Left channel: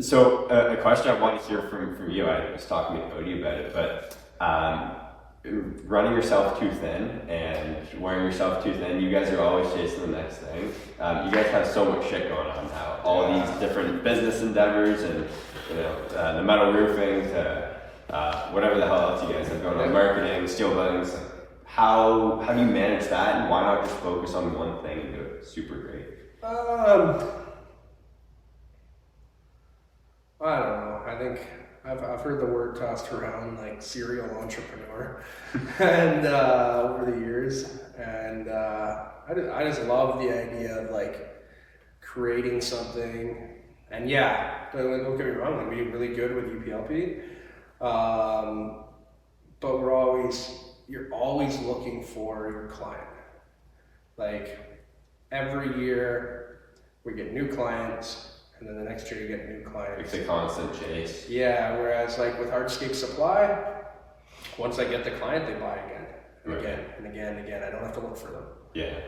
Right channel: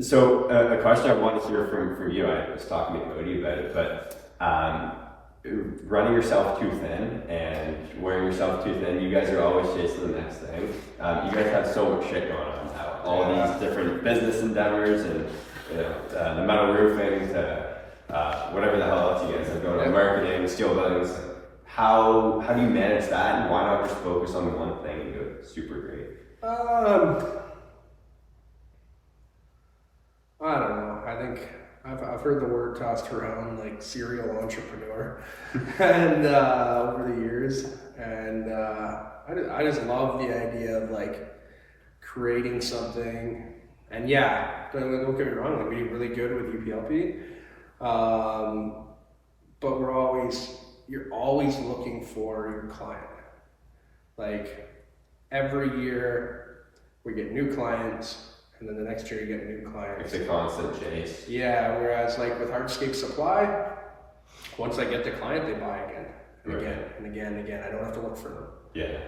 So a question I wanted to hear from you, I was talking to Cody about it, but running yourself too thin and wearing yourself too thin, you guys are always chasing the next thing. You guys have so much shit going on now, all these different business endeavors and the metal roofing to whatever the hell else you guys have going on, marketing, steel buildings. How do you manage that, and why not just focus on one thing and do it super great? I don't know. I think I've heard the word tossed around like serial entrepreneur, and over the years, and I just love the idea of like creating something. And yeah, don't get me wrong, like we're really good with UPLP, but you're always looking for your client. Like every year we get new clients. And then the next year you get new clients. It's a constant chase. Yeah, whereas like with Hardscape Supply, once I get the client, they buy again and again and again and again. I don't have to look for them. Yeah.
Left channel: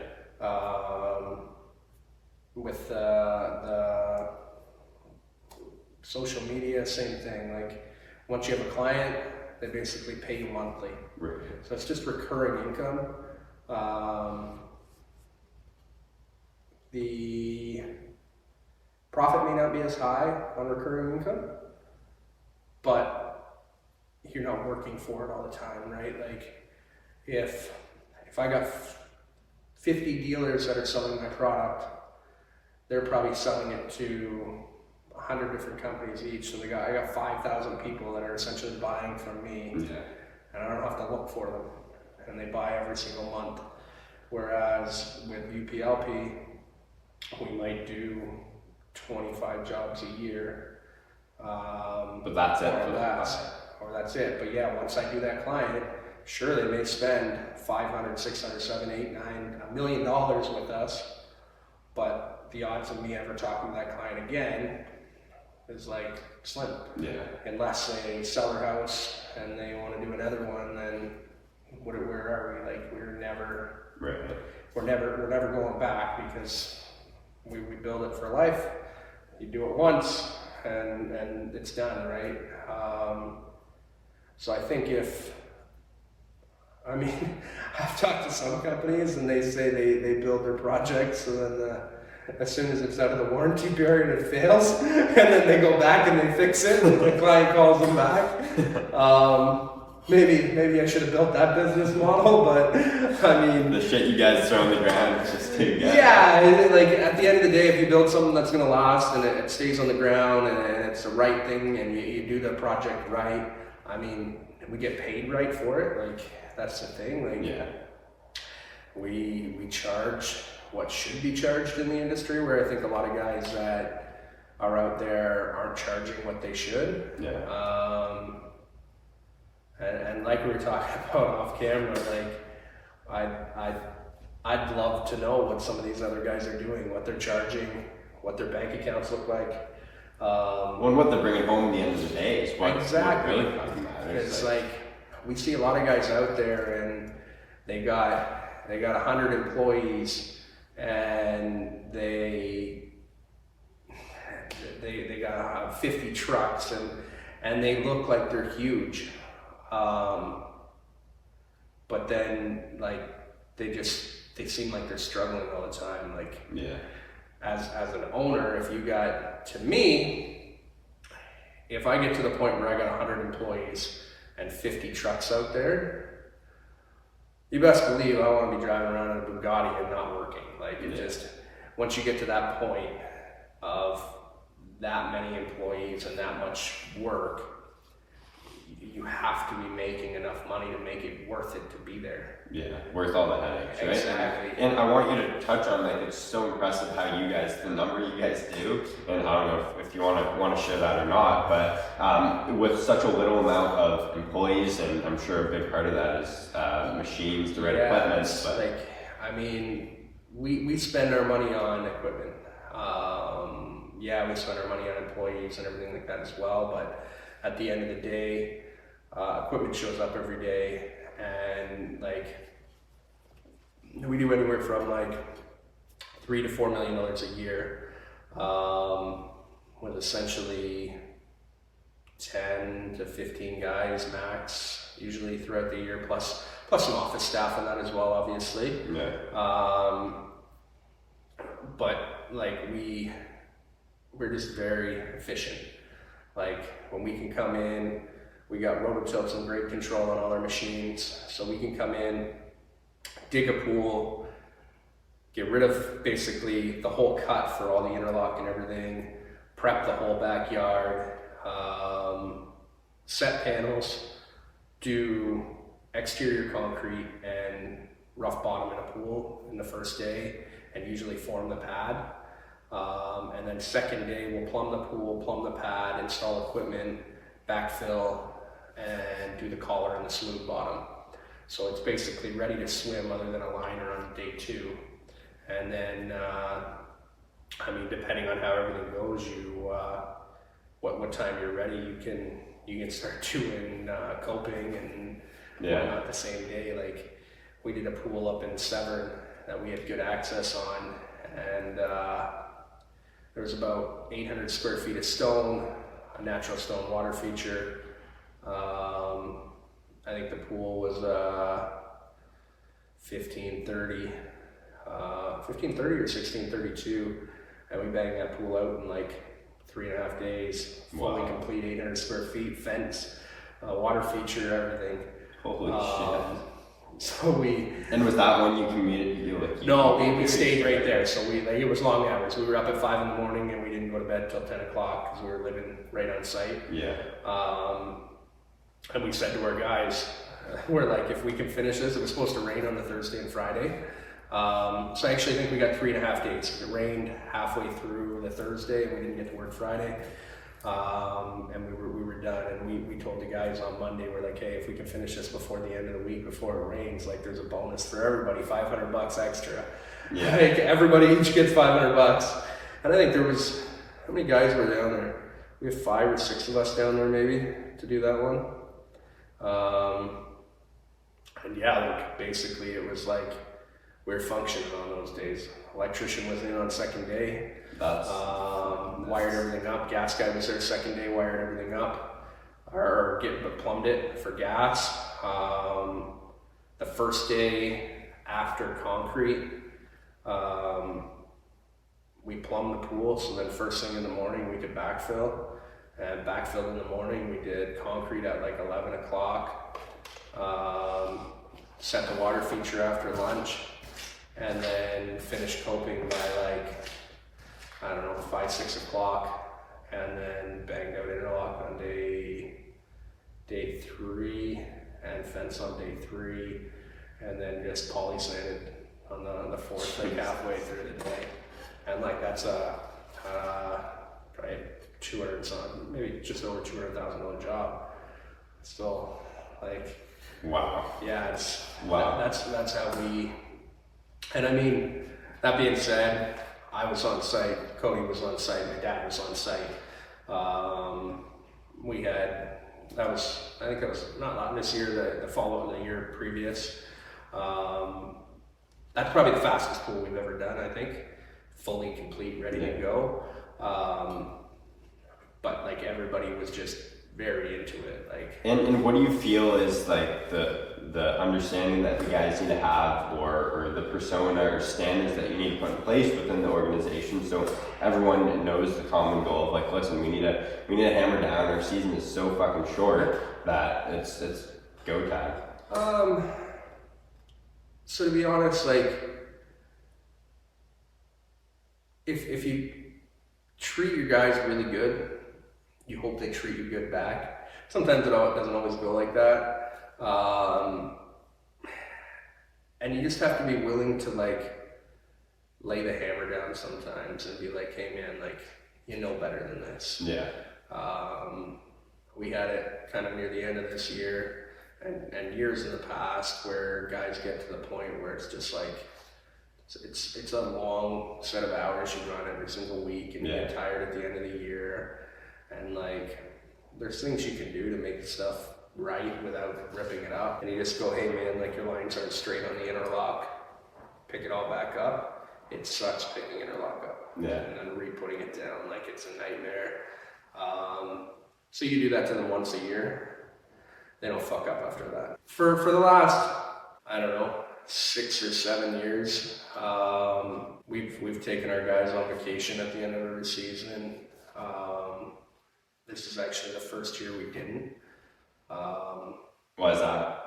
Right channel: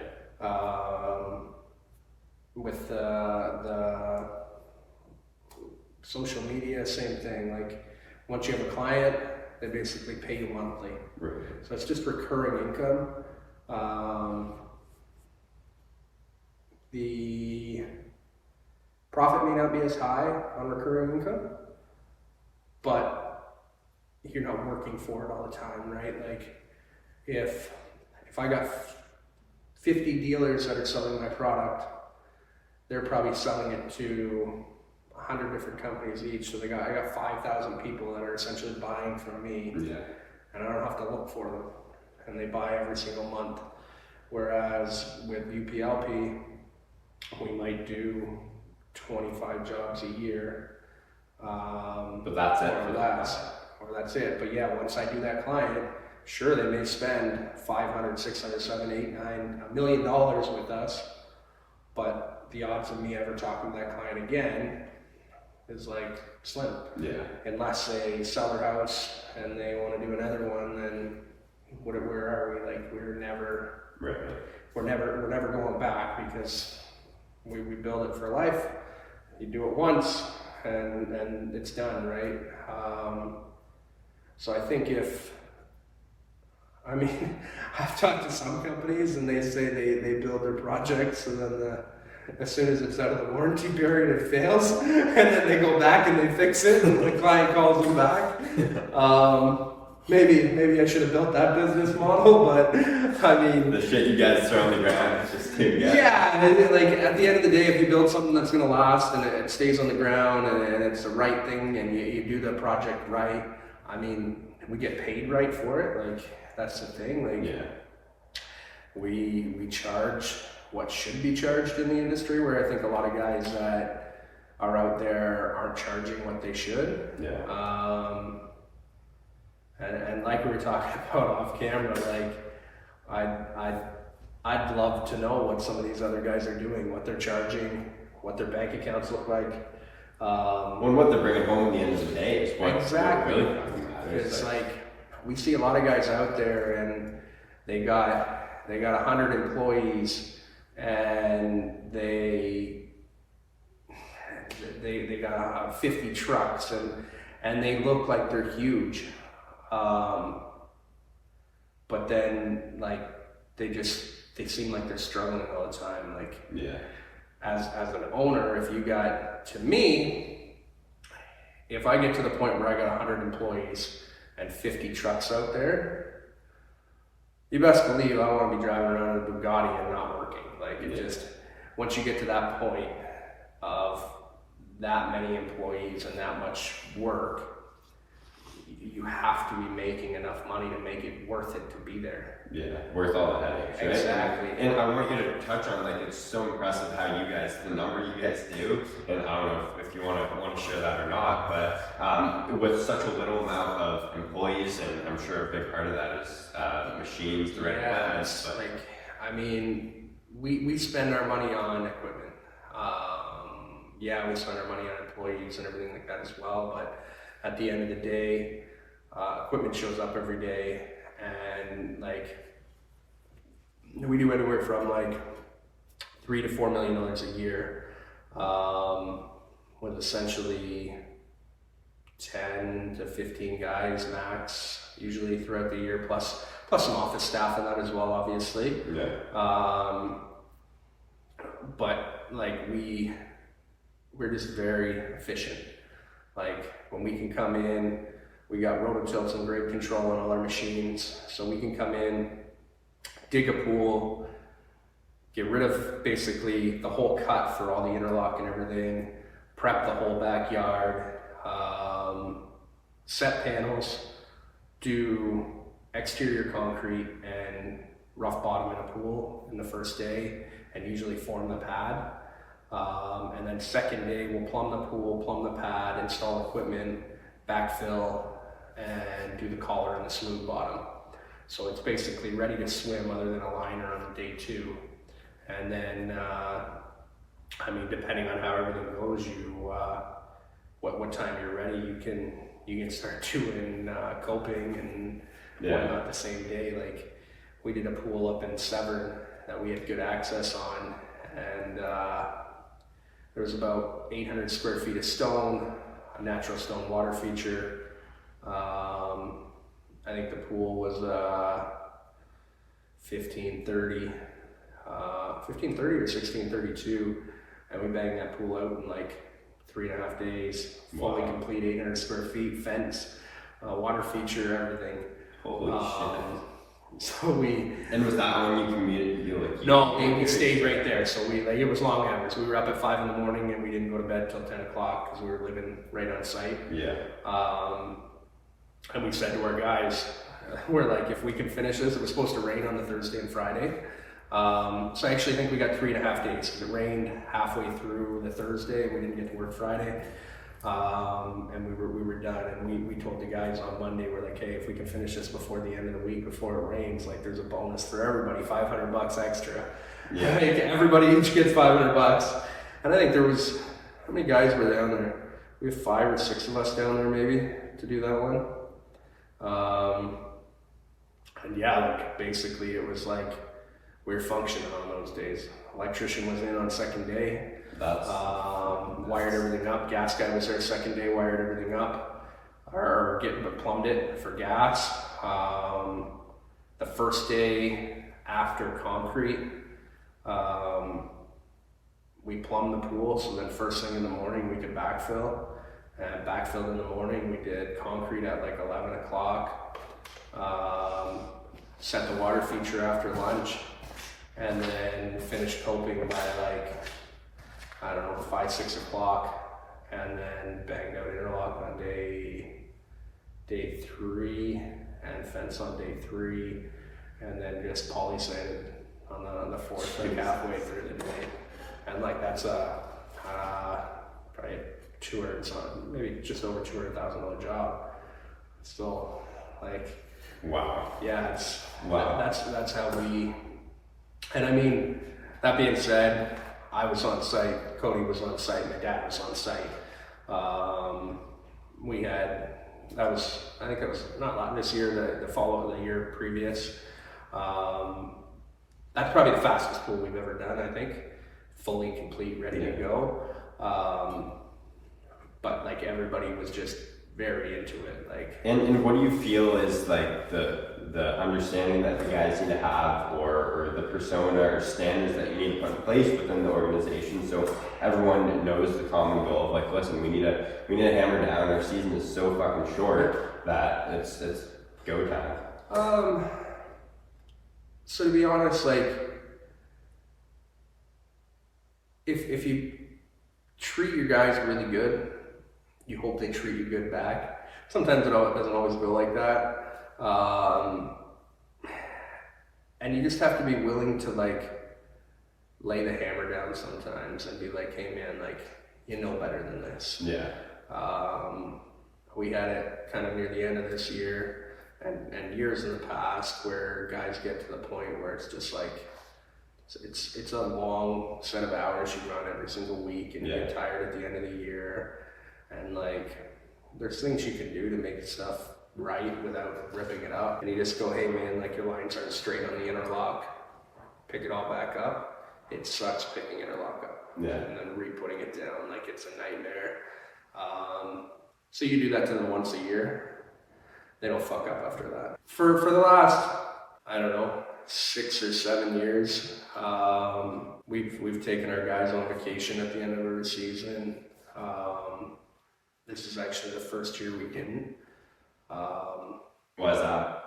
With the social media, same thing. Like once you have a client, they basically pay you monthly. Right. So it's just recurring income. The profit may not be as high on recurring income, but you're not working for it all the time, right? Like if I got 50 dealers that are selling my product, they're probably selling it to 100 different companies each. So I got 5,000 people that are essentially buying from me, and I don't have to look for them, and they buy every single month. Whereas with UPLP, we might do 25 jobs a year, but that's it. Or that's it. But yeah, once I do that client, sure, they may spend $500, $600, $700, $800, $900, $1 million with us, but the odds of me ever talking to that client again is like slim. Yeah. Unless they sell their house and they want to do another one, then where are we? Like we're never going back, because we build it for life. You do it once and it's done, right? So I think I've talked to some companies and they say they build their projects, and then as soon as it's out of the warranty period, it fails, and then they go back and they fix it, and the client calls them back. Maybe I should have built that business model, but I mean, the shit you guys throw on the ground is just too good. Yeah, like at the end of the day, if you build something that's gonna last and it stays on the ground and it's the right thing and you do the project right, I mean, we get paid right for it. Like that's the thing. Like we charge what should be charged in the industry, where I think a lot of guys that are out there aren't charging what they should. And like we were talking about off camera, like I'd love to know what some of these other guys are doing, what they're charging, what their bank accounts look like. When what they're bringing home at the end of the day is what exactly. Really matters. It's like we see a lot of guys out there, and they got 100 employees, and they got 50 trucks, and they look like they're huge. But then like they seem like they're struggling all the time. Like as an owner, if I get to the point where I got 100 employees and 50 trucks out there, you best believe I want to be driving around in a Bugatti and not working. Like once you get to that point of that many employees and that much work, you have to be making enough money to make it worth it to be there. Yeah, worth all the headaches, right? Exactly. And I want you to touch on, like, it's so impressive how the number you guys do, and I don't know if you want to share that or not, but with such a little amount of employees, and I'm sure a big part of that is machines, the right equipment. But like, I mean, we spend our money on equipment. We spend our money on employees and everything like that as well, but at the end of the day, equipment shows up every day, and like we do anywhere from like $3 to $4 million a year. with essentially 10 to 15 guys max, usually throughout the year, plus some office staff in that as well, obviously. Yeah. But like we're just very efficient. Like when we can come in, we got rototilts and grade control on all our machines, so we can come in, dig a pool, get rid of basically the whole cut for all the interlock and everything, prep the whole backyard, set panels, do exterior concrete and rough bottom in a pool in the first day, and usually form the pad. And then second day we'll plumb the pool, plumb the pad, install equipment, backfill, and do the collar and the smooth bottom. So it's basically ready to swim other than a liner on day 2. And then, I mean, depending on how everything goes, what time you're ready, you can start doing coping and whatnot the same day. Like we did a pool up in Severn that we had good access on, and there was about 800 square feet of stone, a natural stone water feature. I think the pool was 1530 or 1632, and we banged that pool out in like 3.5 days. Fully complete, 800 square feet, fence, water feature, everything. Holy shit. So And was that one you commuted? No, we stayed right there. So it was long hours. We were up at 5 in the morning and we didn't go to bed till 10 o'clock because we were living right on site. Yeah. And we said to our guys, we're like, if we can finish this, it was supposed to rain on the Thursday and Friday. So I actually think we got 3.5 days because it rained halfway through the Thursday and we didn't get to work Friday. And we were done, and we told the guys on Monday, we're like, hey, if we can finish this before the end of the week, before it rains, like there's a bonus for everybody, $500 extra. Yeah. Make everybody each gets $500. And I think there was, how many guys were down there? We have 5 or 6 of us down there maybe to do that one. And yeah, like basically it was like we were functioning on those days. Electrician was in on second day. Wired everything up. Gas guy was there second day, wired everything up, or plumbed it for gas. The first day after concrete, we plumbed the pool, so then first thing in the morning we could backfill, and backfilled in the morning. We did concrete at like 11 o'clock, set the water feature after lunch, and then finished coping by like, I don't know, 5, 6 o'clock, and then banged out interlock on day 3, and fence on day 3, and then just poly sanded on the 4th, like halfway through the day. And like that's probably 200 something, maybe just over $200,000 job. Still, like, wow. Yeah, that's how we. And I mean, that being said, I was on site, Cody was on site, my dad was on site. I think it was not this year, the year previous. That's probably the fastest pool we've ever done, I think. Fully complete, ready to go. But like everybody was just very into it. Like. And what do you feel is like the understanding that the guys need to have, or the persona or standards that you need to put in place within the organization, so everyone knows the common goal of like, listen, we need to hammer down. Our season is so fucking short that it's go time. So to be honest, like if you treat your guys really good, you hope they treat you good back. Sometimes it doesn't always go like that. And you just have to be willing to like lay the hammer down sometimes and be like, hey man, like, you know better than this. Yeah. We had it kind of near the end of this year and years in the past where guys get to the point where it's just like, it's a long set of hours you run every single week, and you get tired at the end of the year. And like, there's things you can do to make stuff right without ripping it up. And you just go, hey man, like your lines aren't straight on the interlock, pick it all back up. It sucks picking interlock up. Yeah. and then re-putting it down. Like, it's a nightmare. So you do that to them once a year. They don't fuck up after that. For the last, I don't know, 6 or 7 years, we've taken our guys on vacation at the end of every season. This is actually the first year we didn't. Why is that?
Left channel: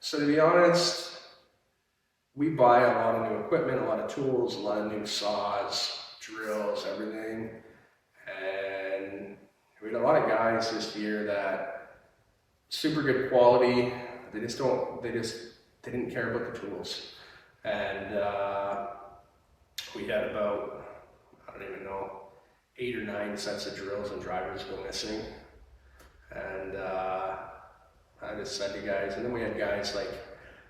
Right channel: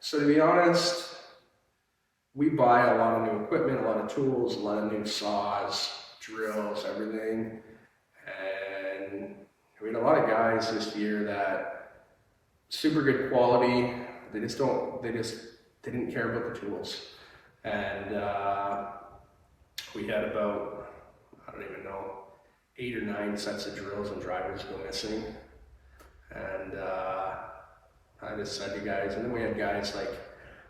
So to be honest, we buy a lot of new equipment, a lot of tools, a lot of new saws, drills, everything. And we had a lot of guys this year that super good quality. They didn't care about the tools. And we had about, I don't even know, 8 or 9 sets of drills and drivers go missing. And I just said to guys, and then we had guys like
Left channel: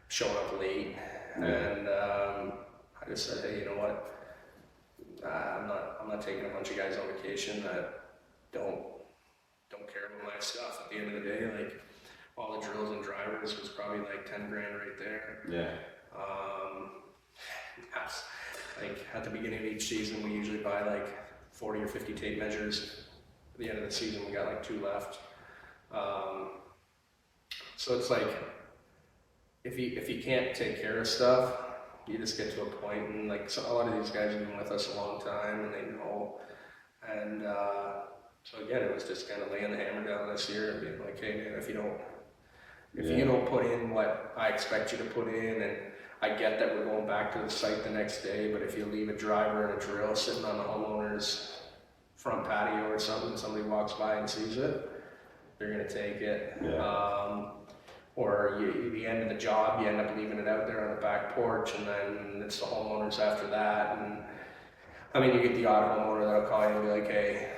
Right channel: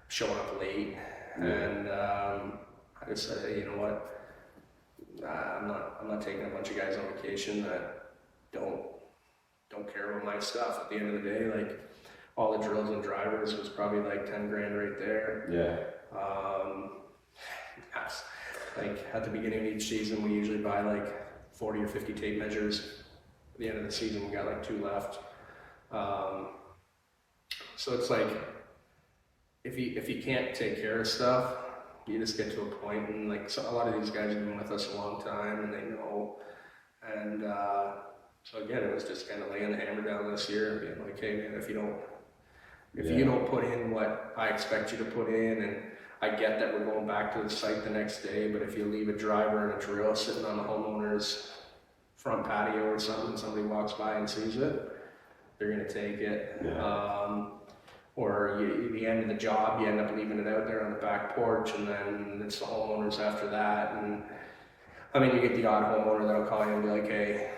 showing up late, and I just said, hey, you know what? I'm not taking a bunch of guys on vacation that don't care about my stuff. At the end of the day, like, all the drills and drivers was probably like 10 grand right there. Yeah. Like, at the beginning of each season, we usually buy like 40 or 50 tape measures. At the end of the season, we got like 2 left. So it's like, if you can't take care of stuff, you just get to a point, and like, so a lot of these guys have been with us a long time, and they know. And so again, it was just kind of laying the hammer down this year and being like, hey man, if you don't put in what I expect you to put in, and I get that we're going back to the site the next day, but if you leave a driver and a drill sitting on the homeowner's front patio or something, somebody walks by and sees it, they're gonna take it. Yeah. Or the end of the job, you end up leaving it out there on the back porch, and then it's the homeowners after that. And I mean, you get the odd homeowner that'll call you and be like, hey,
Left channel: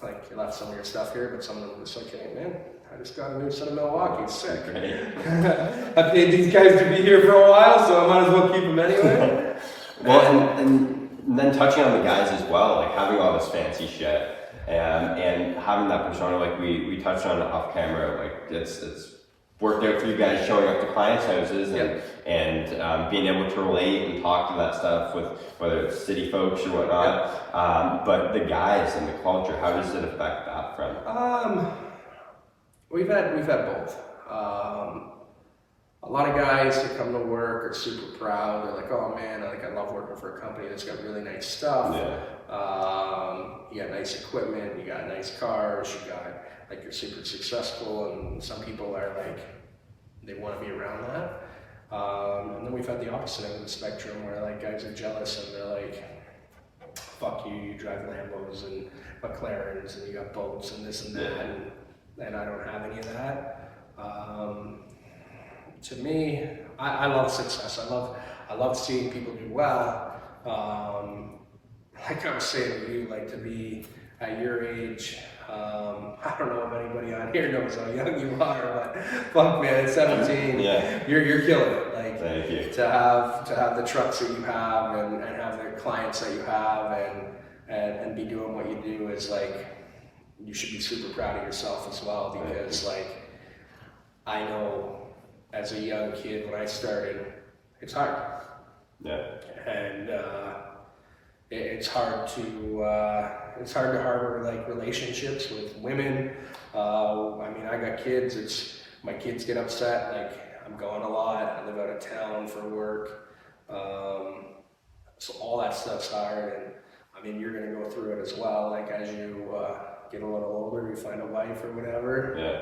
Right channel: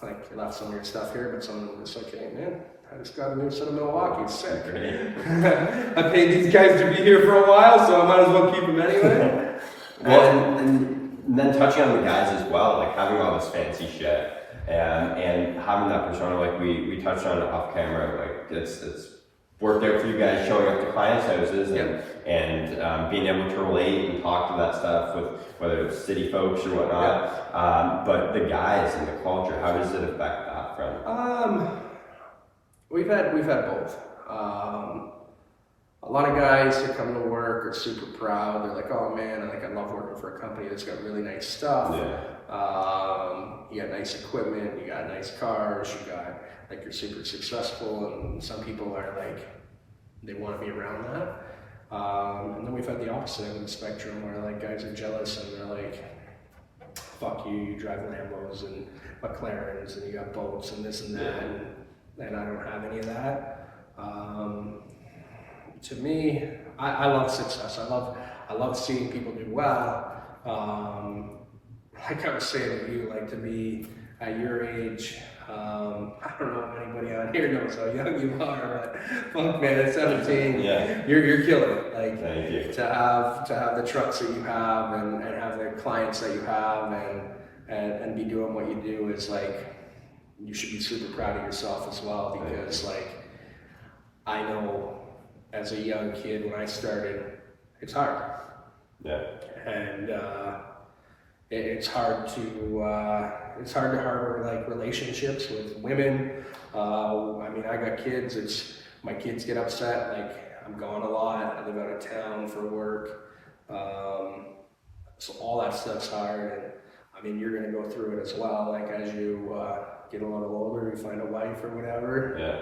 like, you left some of your stuff here, but some of them are just like, hey man, I just got a new set of Milwaukee's, sick. I paid these guys to be here for a while, so I might as well keep them anyway. Well, and then touching on the guys as well, like having all this fancy shit, and having that persona, like we touched on off camera, like it's worked out for you guys showing up to clients' houses and being able to relate and talk to that stuff with whether it's city folks or whatnot. But the guys and the culture, how does it affect that front? We've had both. A lot of guys that come to work are super proud. They're like, oh man, I love working for a company that's got really nice stuff. Yeah. You got nice equipment, you got nice cars, you got, like, you're super successful, and some people are like, they want to be around that. And then we've had the opposite end of the spectrum where, like, guys are jealous and they're like, fuck you, you drive Lambos and McLarens and you got boats and this and that, and I don't have any of that. To me, I love success. I love seeing people do well. Like I was saying to you, like, to be at your age, I don't know if anybody on here knows how young you are, but fuck man, at 17, you're killing it. Like, thank you. to have the trucks that you have and have the clients that you have and be doing what you do is like, you should be super proud of yourself as well, because like, I know as a young kid when I started, it's hard. Yeah. And it's hard to harbor like relationships with women. I mean, I got kids. My kids get upset. Like, I'm gone a lot. I live out of town for work. So all that stuff's hard. And I mean, you're gonna go through it as well. Like, as you get a little older, you find a wife or whatever. Yeah.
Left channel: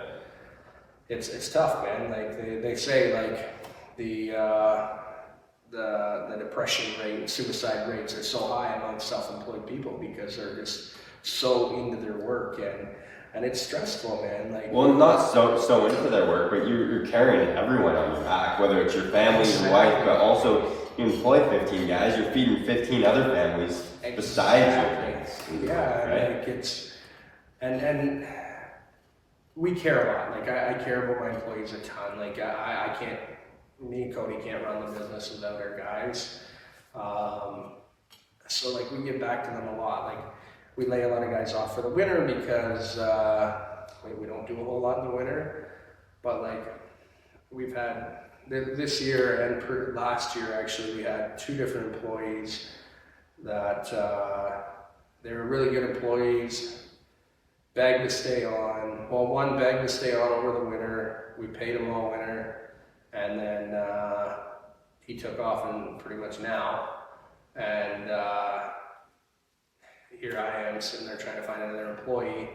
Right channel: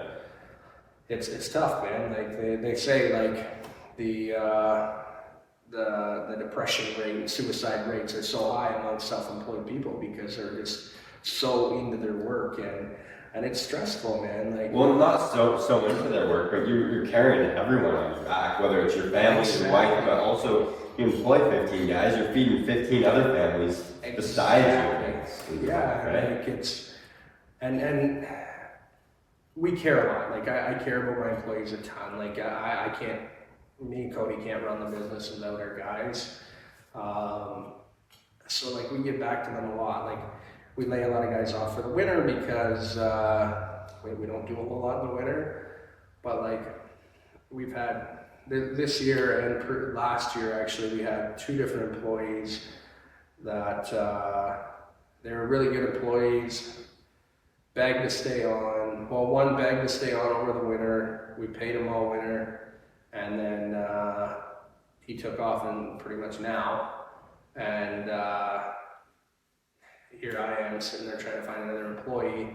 It's tough, man. Like they say, like the depression rate and suicide rates are so high among self-employed people because they're just so into their work, and it's stressful, man. Like, well, not so into their work, but you're carrying everyone on your back, whether it's your family, your wife, but also you employ 15 guys, you're feeding 15 other families besides you. Yeah, right? like it's and we care a lot. Like I care about my employees a ton. Like I can't. Me and Cody can't run the business without our guys. So like we get back to them a lot. Like we lay a lot of guys off for the winter because we don't do a whole lot in the winter. But like we've had this year and last year actually, we had 2 different employees that they were really good employees, begged to stay on. Well, one begged to stay on over the winter. We paid him all winter, and then he took off, and pretty much now. And here I am sitting there trying to find another employee,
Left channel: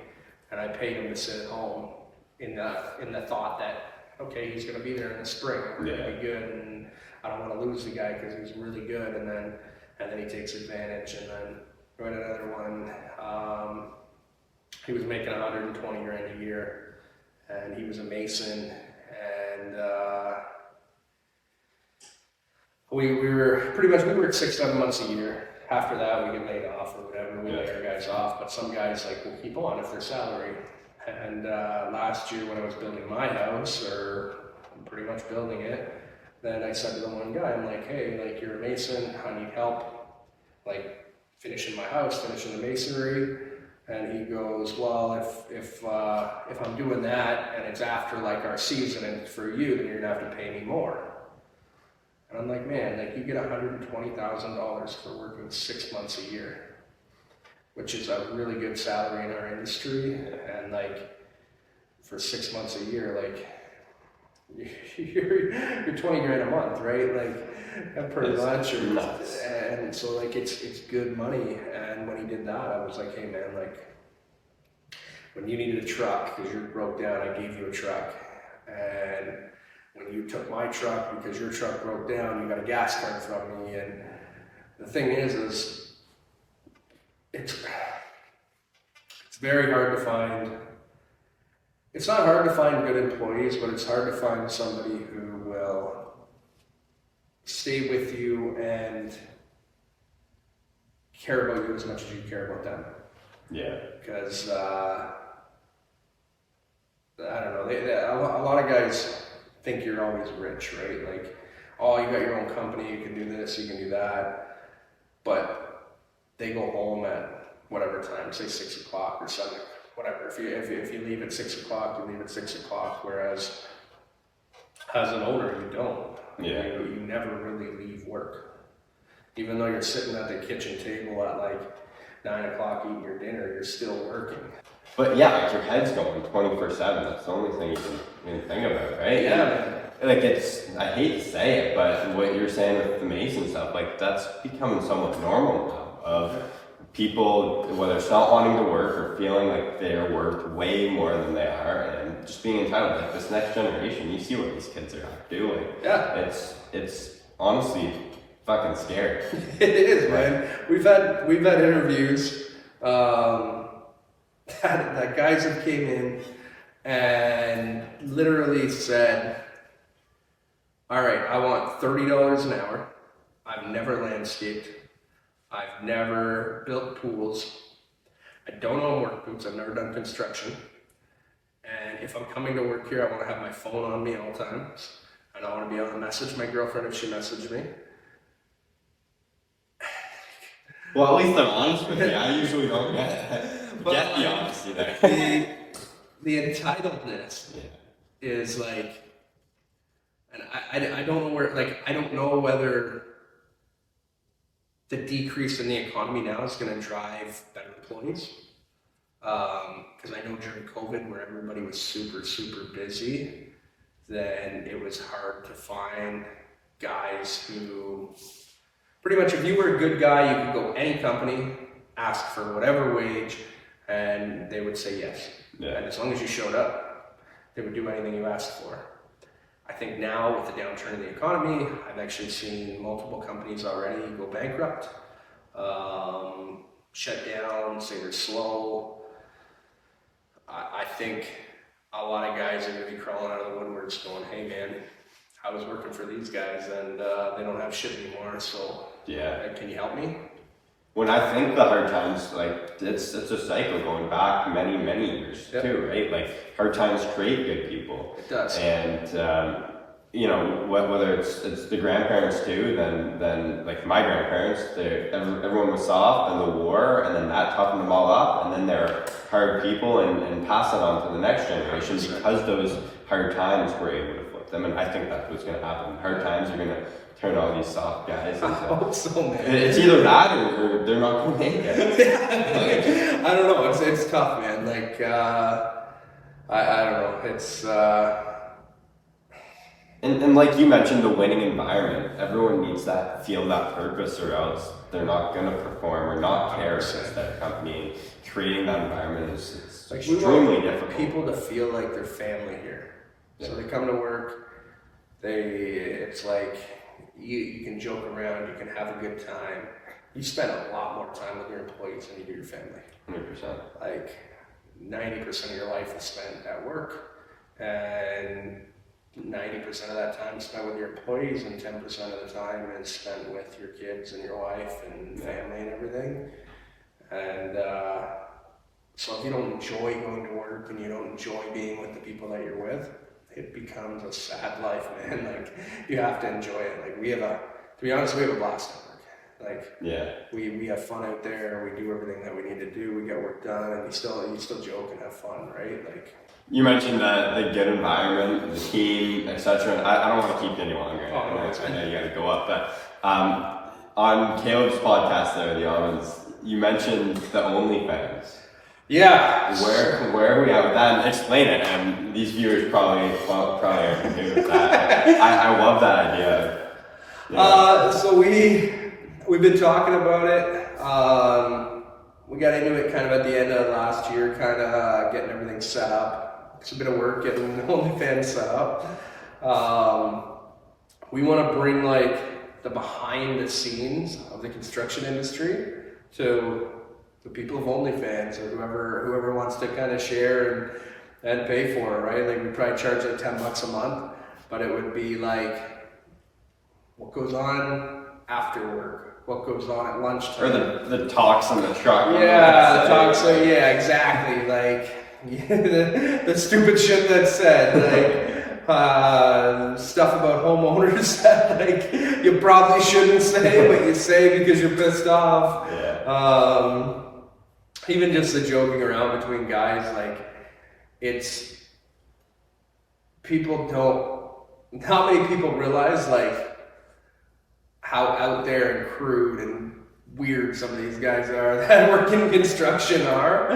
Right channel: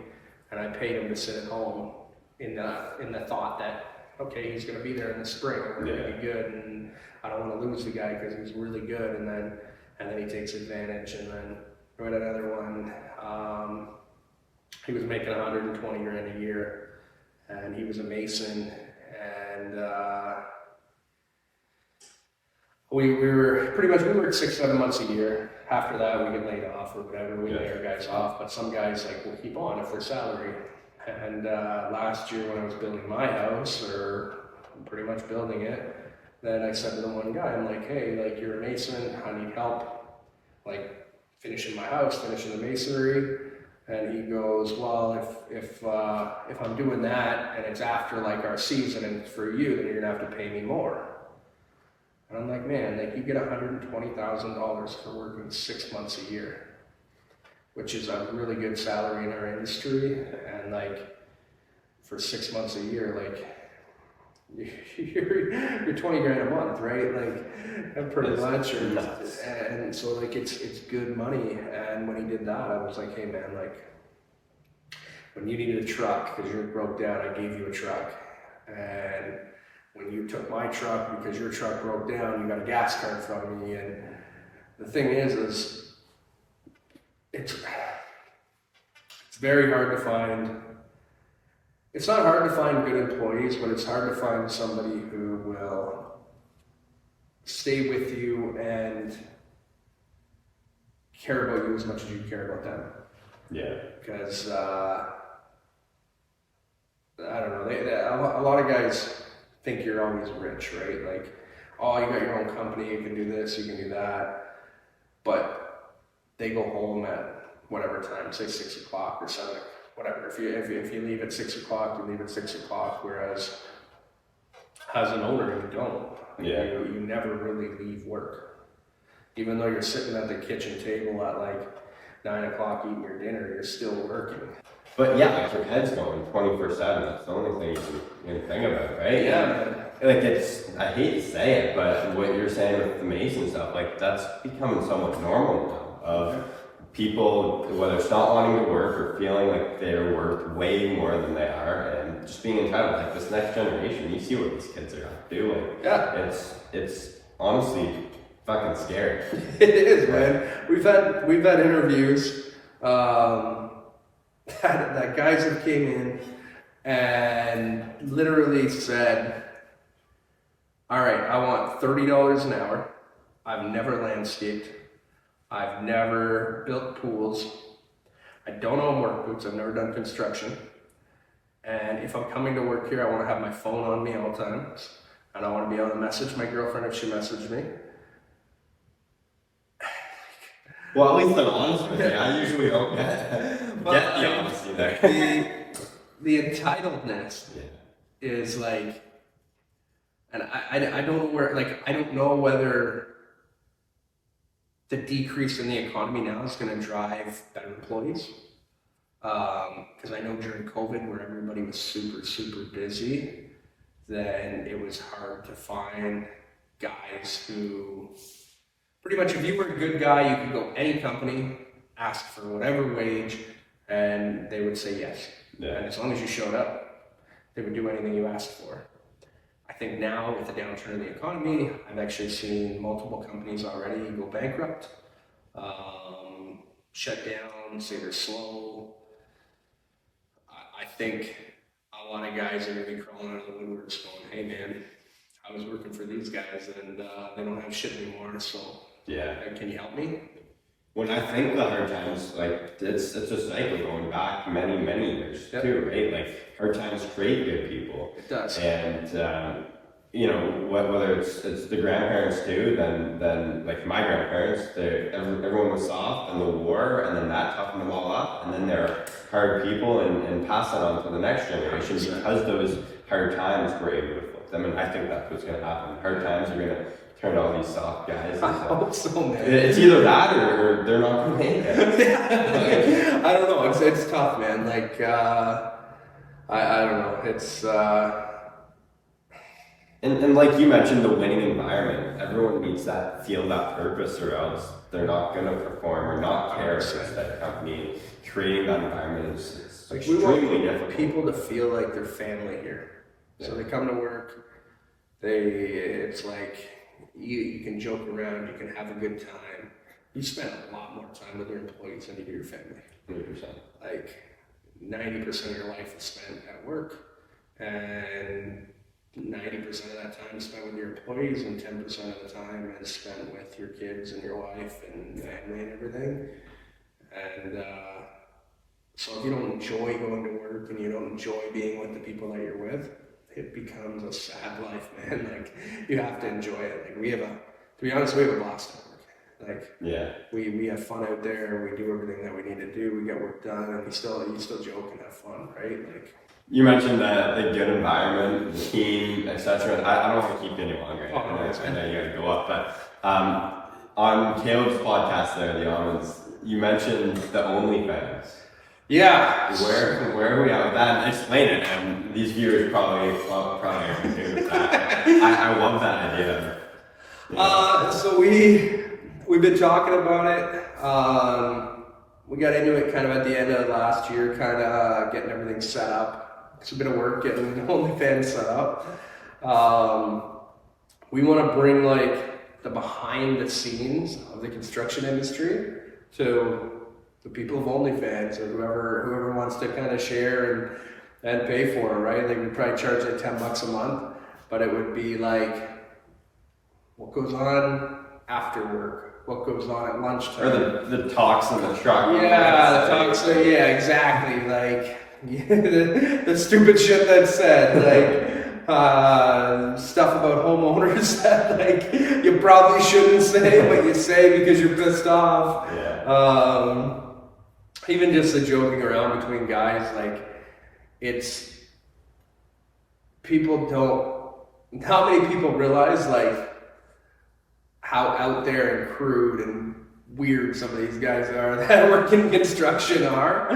and I paid him to sit at home in the thought that, okay, he's going to be there in the spring, we're going to be good, and I don't want to lose the guy because he's really good. And then he takes advantage, and then we had another one. He was making 120 grand a year, and he was a mason, and we were pretty much, we worked 6-7 months a year. After that, we get laid off or whatever. We lay our guys off, but some guys like will keep on if they're salary. And last year when I was building my house, or pretty much building it, then I said to the one guy, I'm like, hey, like, you're a mason, I need help, like, finishing my house, finishing the masonry. And he goes, well, if I'm doing that and it's after like our season and it's for you, then you're gonna have to pay me more. And I'm like, man, like, you get $120,000 for working 6 months a year, which is a really good salary in our industry. And like, for 6 months a year, like, you're 20 grand a month, right? Like, pretty much. And so like, it's good money. And when he did that, I was like, hey man, like, when you needed a truck because yours broke down, I gave you a truck. And when you took my truck because your truck broke down, you got a gas card from me. And the thing is it's very hard to find. It's not hard to find good employees, but it's hard to find somebody who will stay with you and care about you as much as you care about them. Yeah. Because, I don't know, a lot of guys think you're always rich, right? Like, oh, you got your own company, you can do this, you can do that. But they go home at whatever time, say 6 o'clock or 7 o'clock. Whatever. If you leave at 6 o'clock, you leave at 6 o'clock. Whereas as an owner, you don't. Yeah. You never really leave work. Even though you're sitting at the kitchen table at like 9 o'clock eating your dinner, you're still working. But yeah, like, your head's going 24/7. That's the only thing you can really think about, right? Yeah, man. Like, I hate to say it, but what you're saying with the Mason stuff, like, that's becoming somewhat normal now. Of people, whether it's not wanting to work or feeling like they're worth way more than they are, and just being entitled. Like, this next generation, you see what these kids are doing. Yeah. It's honestly fucking scary. It is, man. We've had interviews that guys have came in and literally said, all right, I want $30 an hour. I've never landscaped. I've never built pools. I don't own work boots. I've never done construction. And if I'm coming to work here, I want to have my phone on me all the time. And I want to be able to message my girlfriend if she messaged me. Well, at least I'm honest with you. I usually don't get the honesty there. The entitledness is like, and I don't know where, like, I don't know whether the decrease in the economy now is going to drive better employees. Because I know during COVID, where everybody was super, super busy, then it was hard to find guys who, pretty much, if you were a good guy, you could go any company, ask for whatever wage, and they would say yes. Yeah. And as long as you showed up, they would do anything you asked for. I think now with the downturn in the economy, I've actually seen multiple companies already go bankrupt, shut down, say they're slow. I think a lot of guys are going to be crawling out of the woodworks going, hey man, I was working for these guys and they don't have shit anymore, so can you help me? When I think the hard times, like, it's a cycle going back many, many years too, right? Like, hard times create good people. It does. And you know, whether it's the grandparents too, then like my grandparents, everyone was soft and the war, and then that toughened them all up, and then they're hard people and pass it on to the next generation 100%. Because those hard times were able to flip them, and I think that's what's going to happen. Hard times are going to turn all these soft guys. I hope so, man. It's either that or they're not gonna make it. I don't know. It's tough, man. Like I don't know. It's and like you mentioned, the winning environment. Everyone needs that feel that purpose, or else they're not gonna perform or not care if that company. Creating that environment is like extremely difficult. People to feel like they're family here. So they come to work. It's like you can joke around, you can have a good time. You spend a lot more time with your employees than you do your family. 100%. Like 90% of your life is spent at work, and 90% of that time is spent with your employees, and 10% of the time is spent with your kids and your wife and family and everything. And so if you don't enjoy going to work and you don't enjoy being with the people that you're with, it becomes a sad life, man. Like, you have to enjoy it. Like, to be honest, we have a blast at work. Like, we have fun out there. We do everything that we need to do. We get work done, and you still joke and have fun, right? Like, you mentioned the good environment, the team, etc. I don't want to keep you any longer. Oh, no, I know you got to go up, but on Caleb's podcast there, the Almonds, you mentioned the OnlyFans. Yeah. Where are we at with that? And explain it. And these viewers probably aren't good with that. I love that idea. Yeah. So we've been talking about it. We got into it kind of at the end of last year, kind of getting everything set up. It's a bit of work getting the OnlyFans set up. We want to bring like the behind the scenes of the construction industry to the people of OnlyFans, or whoever wants to kind of share and pay for it, right? Like, we probably charge like $10 a month, but it would be like what goes on after work, what goes on at lunchtime. Or the talks in the truck. Yeah, the talks. Yeah, exactly. Like the stupid shit that's said, like stuff about homeowners that like you probably shouldn't say, but you say because you're pissed off. Yeah. Even just the joking around between guys, like, it's not many people realize like how out there and crude and weird some of these guys are that work in construction are.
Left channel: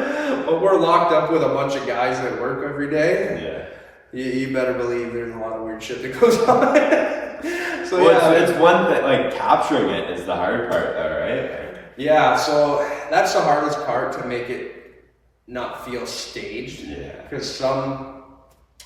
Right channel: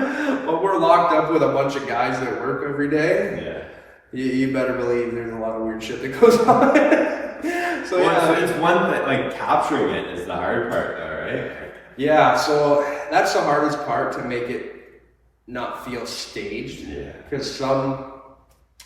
But we're locked up with a bunch of guys that work every day. Yeah. You better believe there's a lot of weird shit that goes on. So well, yeah, it's one thing, like capturing it is the hard part though, right? Yeah, so that's the hardest part, to make it not feel staged. Yeah. Because I'm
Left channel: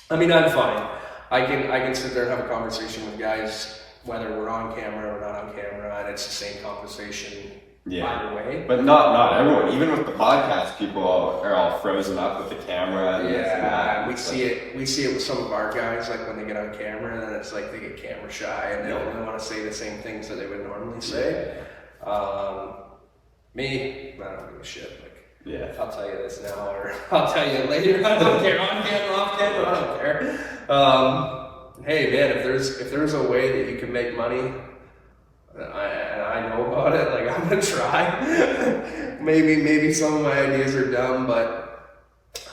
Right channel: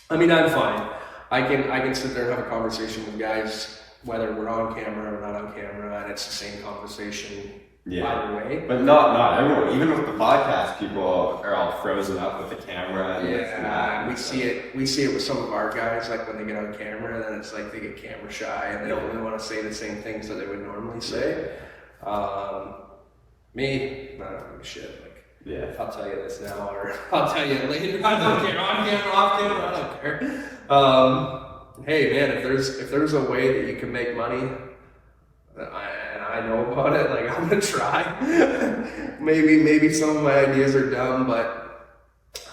fine. I can sit there and have a conversation with guys, whether we're on camera or not on camera, and it's the same conversation either way. But not everyone. Even with the podcast, people are all frozen up with the camera. And we see it with some of our guys. Like, when they get on camera, then it's like they get camera shy and they don't really want to say the same things that they would normally say. Me, I don't give a shit. Like, I'll tell you this now, or I'll tell you later. I don't care. On camera, off camera, I don't care. Hey man, if there's a way that you can make money, and I know about it, like, I'm gonna try. maybe some of my ideas are dumb, but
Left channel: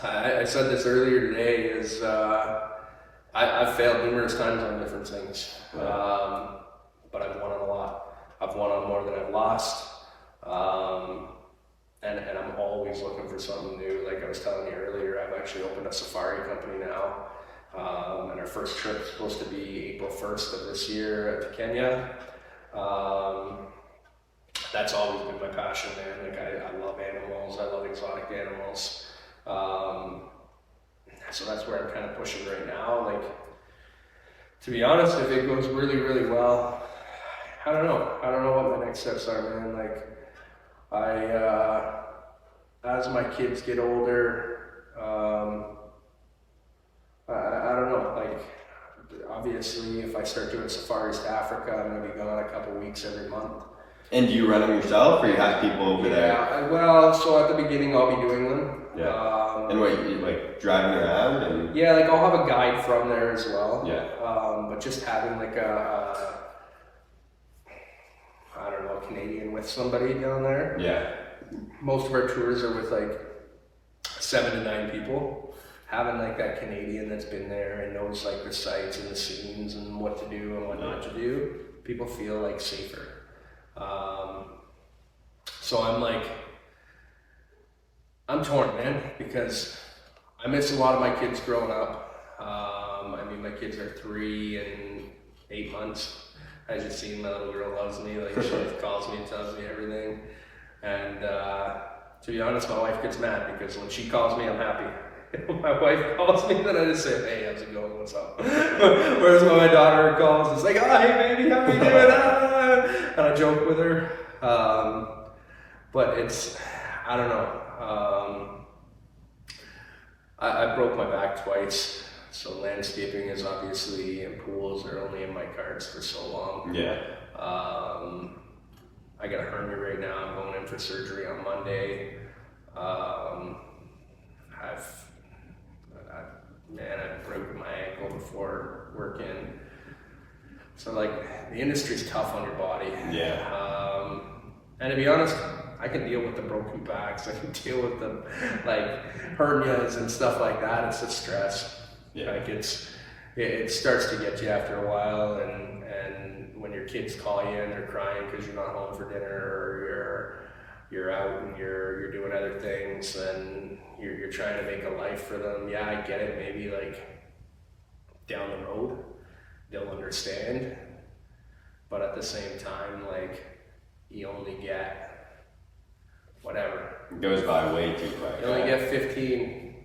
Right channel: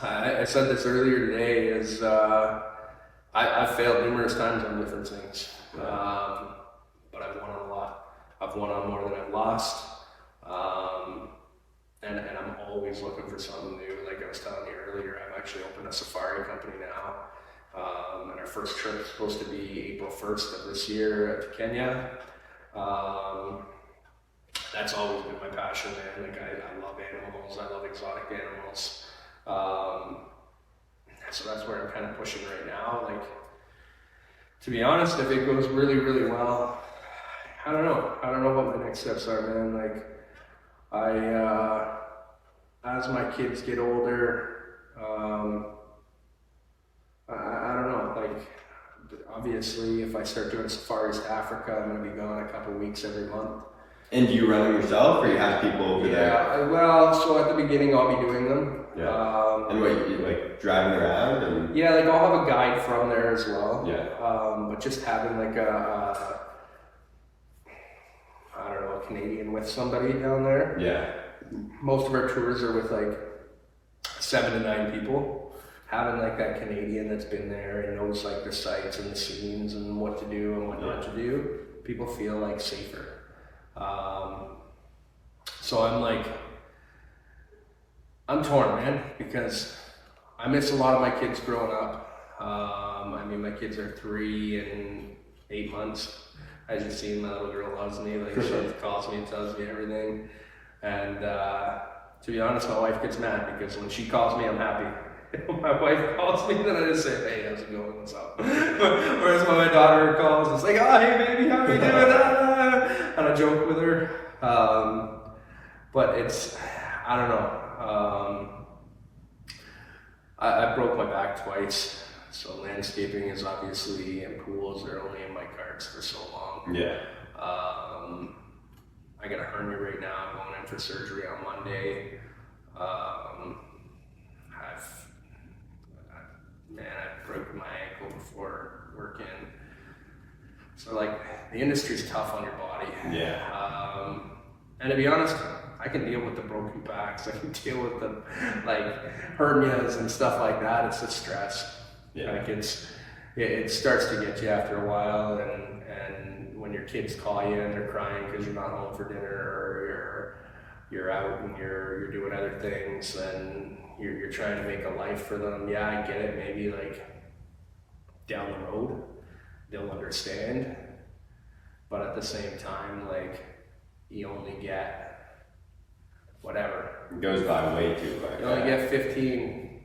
I said this earlier today. Is I've failed numerous times on different things, but I've won on a lot. I've won on more than I've lost. And I'm always looking for something new. Like I was telling you earlier, I've actually opened a safari company now. And our first trip is supposed to be April 1st of this year to Kenya. That's always been my passion, man. Like, I love animals. I love exotic animals. So that's where I'm kind of pushing right now. Like, to be honest, if it goes really, really well, I don't know what my next steps are, man. Like, as my kids get older, I don't know, like, obviously if I start doing safaris to Africa, I'm going to be gone a couple weeks every month. And do you run them yourself, or you have people over there? Yeah, well, so at the beginning I'll be doing them. Yeah. And wait, you like driving around? And... Yeah, like I'll have a guide from there as well. Yeah. But just having like a Canadian with somebody down there. Yeah. Most of our tours are with like 7 to 9 people. Having like that Canadian that's been there and knows like the sights and the scenes and what to do and what not to do, People feel like safer. So I'm torn, man, because I miss a lot of my kids growing up. I mean, my kids are 3 and 8 months. I just seen my little girl loves me. Like, she calls me and tells me everything. And to be honest, my wife gets mad because when she calls me, I'm happy. When my wife calls me, then I just say, hey, how's it going? What's up? Whereas when my daughter calls, it's like, oh, hey, baby, how are you doing? And I joke with her. But it's, I don't know. I broke my back twice. So landscaping is obviously, and pools are only in my cards for so long. Yeah. I got a hernia right now. I'm going in for surgery on Monday. I've broken my ankle before working. So like, the industry's tough on your body. Yeah. And to be honest, I can deal with the broken backs. I can deal with the hernias and stuff like that. It's just stress. Yeah. Like it starts to get you after a while, and when your kids call you and they're crying because you're not home for dinner, or you're out and you're doing other things, and you're trying to make a life for them. Yeah, I get it. Maybe like down the road they'll understand, but at the same time, like, you only get whatever. It goes by way too quick. You only get 15,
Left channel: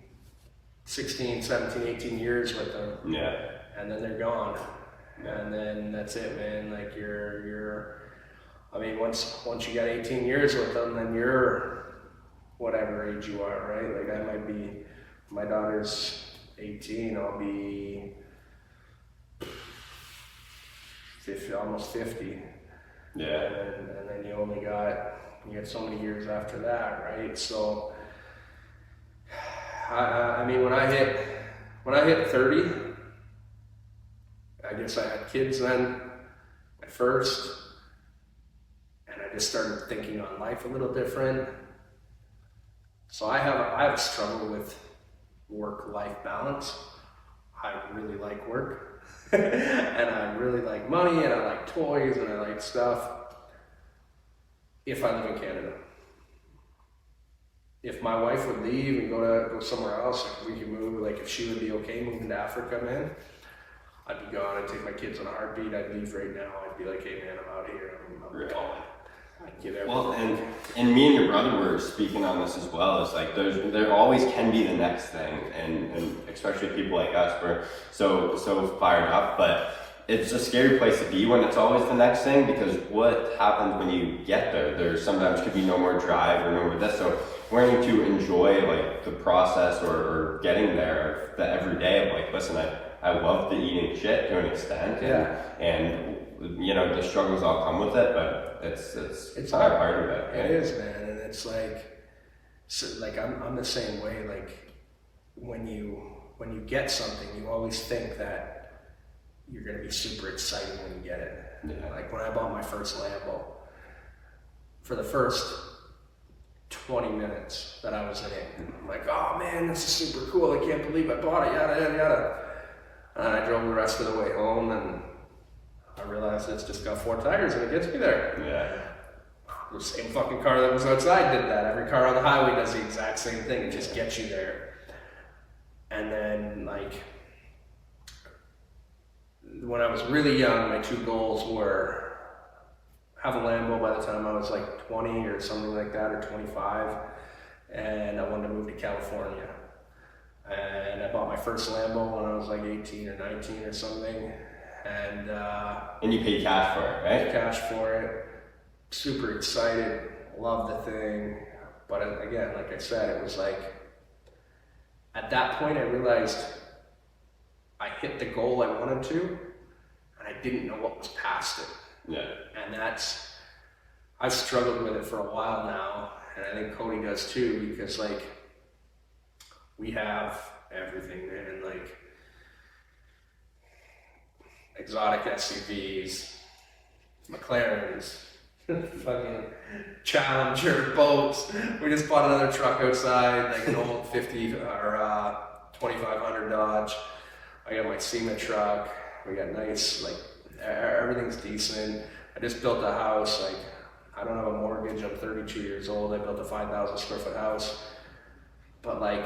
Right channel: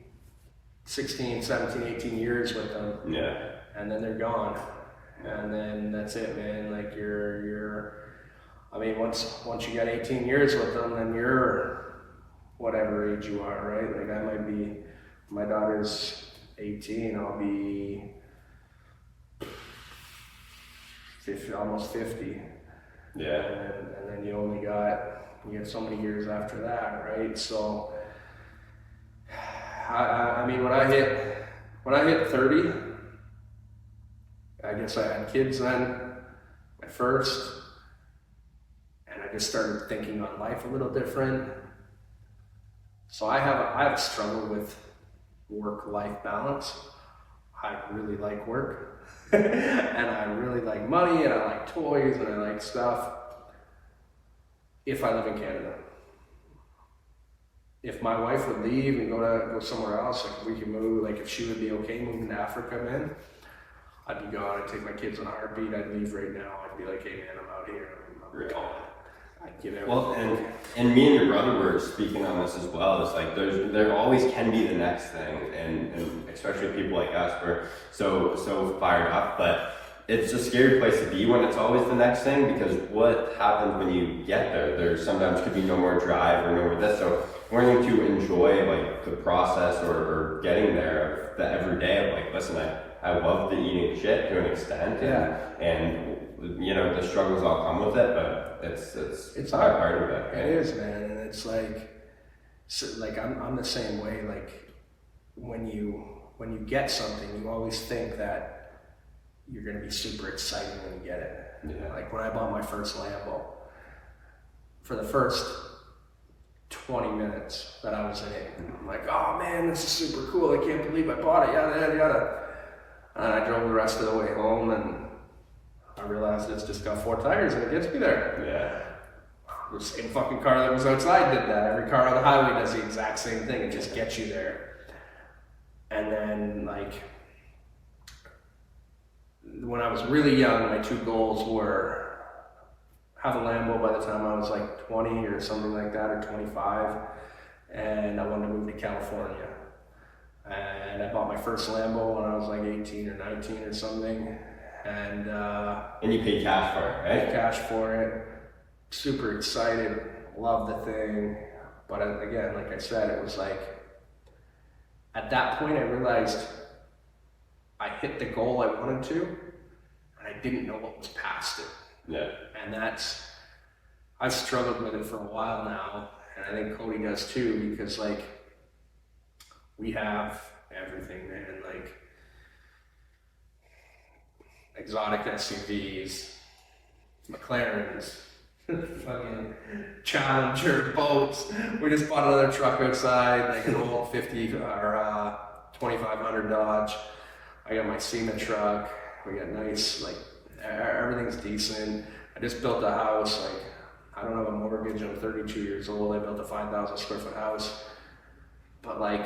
16, 17, 18 years with them. Yeah. And then they're gone. And then that's it, man. Like, I mean, once you got 18 years with them, then you're whatever age you are, right? Like, I might be, my daughter's 18, I'll be 50, almost 50. Yeah. And then you get so many years after that, right? So, I mean, when I hit 30, I guess I had kids then, my first, and I just started thinking on life a little different. So I have a struggle with work-life balance. I really like work, and I really like money, and I like toys, and I like stuff. If I live in Canada. If my wife would leave and go somewhere else, like, we could move, like, if she would be okay moving to Africa, man, I'd be gone. I'd take my kids on a heartbeat. I'd leave right now. I'd be like, hey man, I'm out of here. I'm gone. I'd give everything. Well, and me and your brother were speaking on this as well. It's like there always can be the next thing, and especially people like us, we're so fired up, but it's a scary place to be when it's always the next thing, because what happens when you get there? There sometimes could be no more drive or no more this. So learning to enjoy like the process or getting there, the everyday of like, listen, I love the eating shit to an extent, and you know, the struggles all come with it, but it's hard part of it. Right? It is, man, and it's like, so, like I'm the same way. Like, when you get something, you always think that you're gonna be super excited when you get it. Yeah. Like when I bought my first Lambo, for the first 20 minutes that I was in it, I'm like, oh man, this is super cool. I can't believe I bought it, yada, yada, yada. And I drove the rest of the way home, and I realized it's just got 4 tires and it gets me there. Yeah. The same fucking car that was outside did that. Every car on the highway does the exact same thing. It just gets you there. And then, like, when I was really young, my 2 goals were have a Lambo by the time I was like 20 or something like that, or 25, and I wanted to move to California. And I bought my first Lambo when I was like 18 or 19 or something, and you paid cash for it, right? Cash for it. Super excited, loved the thing, but again, like I said, it was like, at that point I realized I hit the goal I wanted to, and I didn't know what was past it. Yeah. And I've struggled with it for a while now, and I think Cody does too, because like, we have everything, man, like exotic SUVs, McLarens, fucking Challenger boats. We just bought another truck outside, like an old 50 or 2500 Dodge. I got my SEMA truck. We got nice, like, everything's decent. I just built a house. Like, I don't have a mortgage. I'm 32 years old. I built a 5,000 square foot house, but like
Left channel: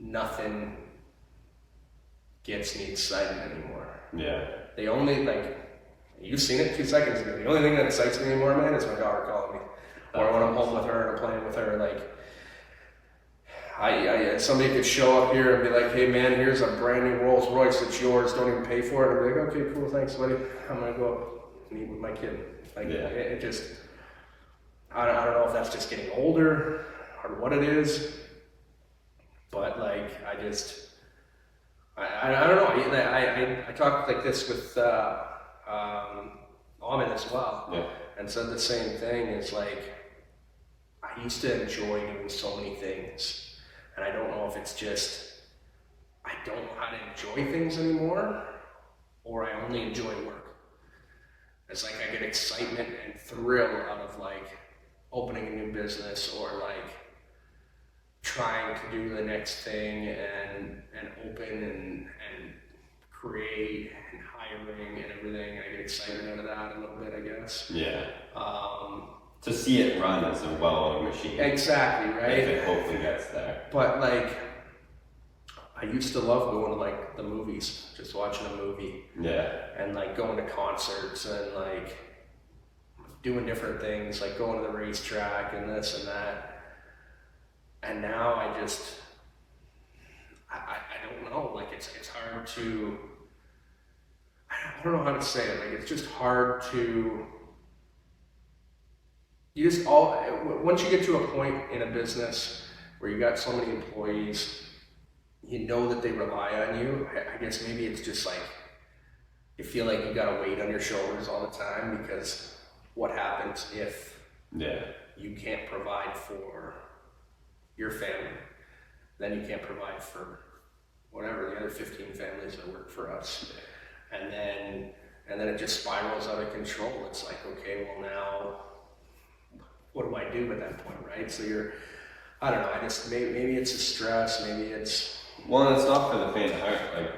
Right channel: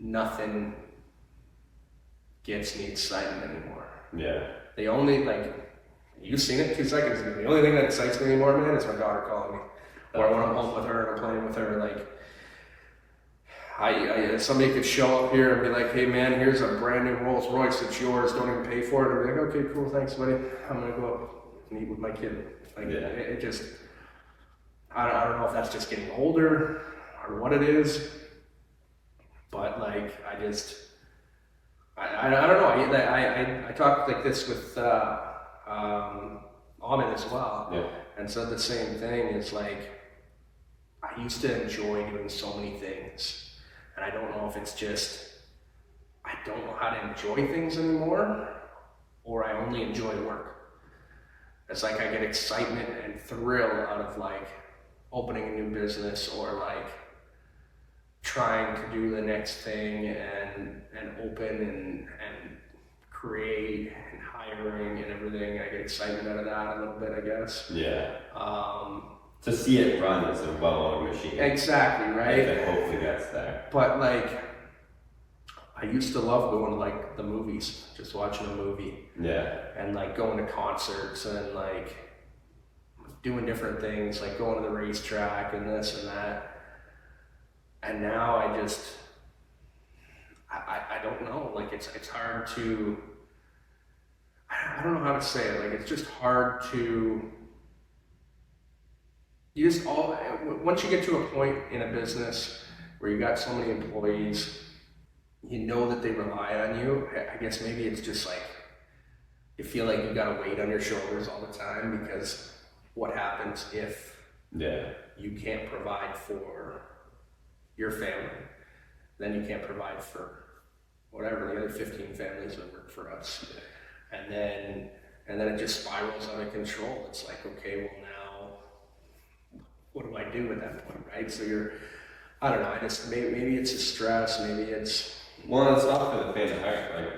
nothing gets me excited anymore. Yeah. The only, like, you've seen it 2 seconds ago. The only thing that excites me anymore, man, is my daughter calling me. Or when I'm home with her and I'm playing with her, like, somebody could show up here and be like, hey man, here's a brand new Rolls Royce, it's yours, don't even pay for it. And I'd be like, okay, cool, thanks buddy. I'm gonna go up and eat with my kid. Like, it just, I don't know if that's just getting older or what it is, but like, I don't know. I talked like this with Amin as well, and said the same thing. It's like, I used to enjoy doing so many things, and I don't know if it's just I don't know how to enjoy things anymore, or I only enjoy work. It's like I get excitement and thrill out of like opening a new business, or like trying to do the next thing and open and create and hiring and everything. I get excitement out of that a little bit, I guess. Yeah. To see it run as a well-oiled machine. Exactly, right? That hopefully gets there. But like, I used to love going to like the movies, just watching a movie. Yeah. And like going to concerts and like doing different things, like going to the racetrack and this and that. And now I don't know, like it's hard to, I don't know how to say it, like it's just hard to, once you get to a point in a business where you got so many employees, you know that they rely on you. I guess maybe it's just like, you feel like you got a weight on your shoulders all the time, because what happens if you can't provide for your family? Then you can't provide for whatever, the other 15 families that work for us. And then it just spirals out of control. It's like, okay, well now, what do I do at that point, right? So I don't know, maybe it's a stress, maybe it's... Well, it's not for the faint of heart. Like,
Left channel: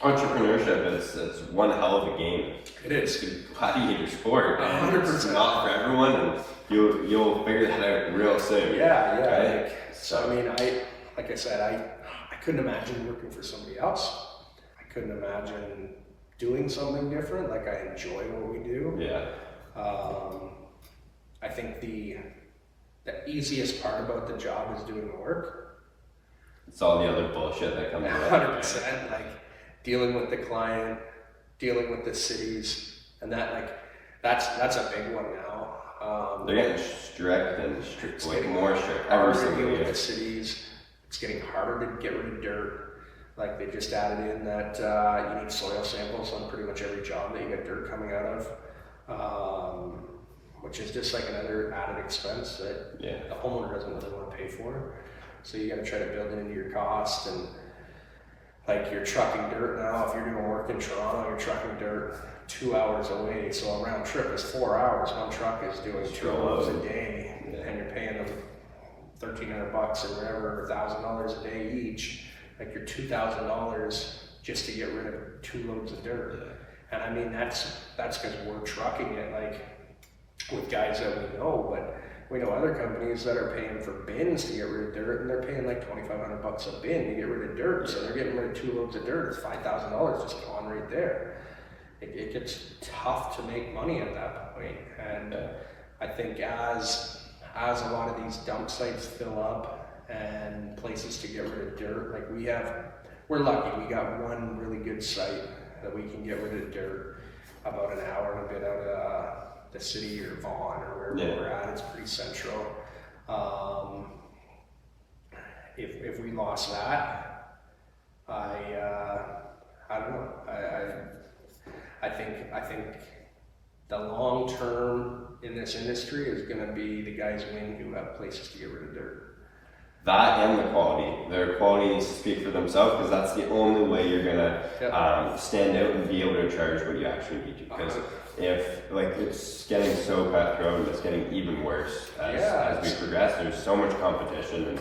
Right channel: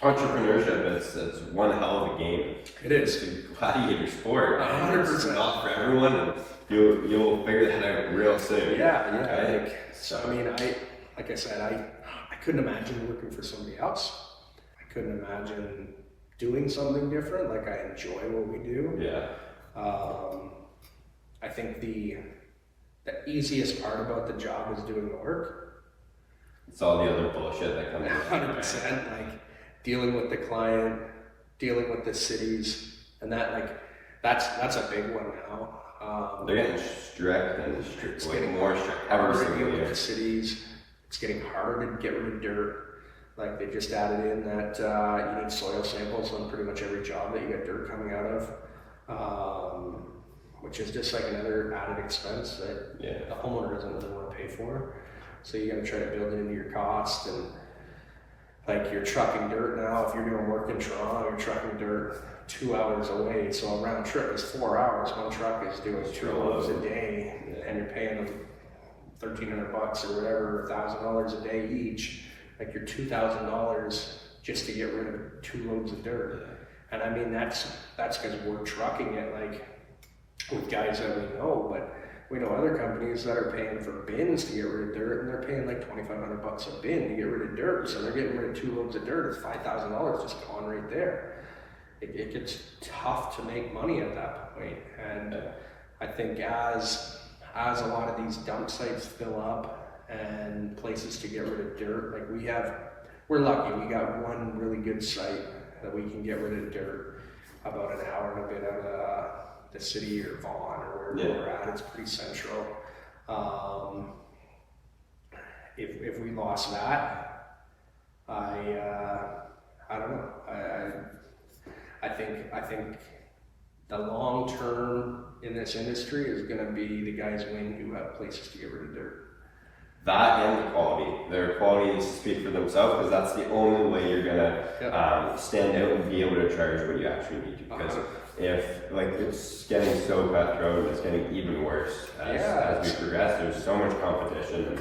entrepreneurship, it's one hell of a game. It is. It's a gladiator sport. 100%. It's not for everyone, and you'll figure that out real soon. Yeah, right? like, so I mean, like I said, I couldn't imagine working for somebody else. I couldn't imagine doing something different. Like, I enjoy what we do. Yeah. I think the easiest part about the job is doing the work. It's all the other bullshit that comes with it. 100%. Like dealing with the client, dealing with the cities, and that, like, that's a big one now. They're getting strict and strict, it's like getting more strict. Harder to deal with the cities. It's getting harder to get rid of dirt. Like, they just added in that you need soil samples on pretty much every job that you get dirt coming out of. Which is just like another added expense that the homeowner doesn't really want to pay for. So you got to try to build it into your cost. And like, you're trucking dirt now. If you're doing work in Toronto, you're trucking dirt 2 hours away. So a round trip is 4 hours. One truck is doing 2 loads a day, and you're paying them $1,300 or whatever, $1,000 a day each. Like, you're $2,000 just to get rid of 2 loads of dirt. And I mean, that's because we're trucking it, like, with guys that we know, but we know other companies that are paying for bins to get rid of dirt, and they're paying like $2,500 a bin to get rid of dirt. So they're getting rid of 2 loads of dirt. It's $5,000 just gone right there. It gets tough to make money at that point. And I think as a lot of these dump sites fill up and places to get rid of dirt, like we're lucky. We got one really good site that we can get rid of dirt about an hour and a bit out of the city or Vaughan or wherever we're at. It's pretty central. If we lost that, I don't know. I think the long term in this industry is going to be the guys win who have places to get rid of dirt. That and the quality. Their qualities speak for themselves, because that's the only way you're gonna stand out and be able to charge what you actually need to. Because if, like, it's getting so cutthroat, and it's getting even worse as we progress. There's so much competition,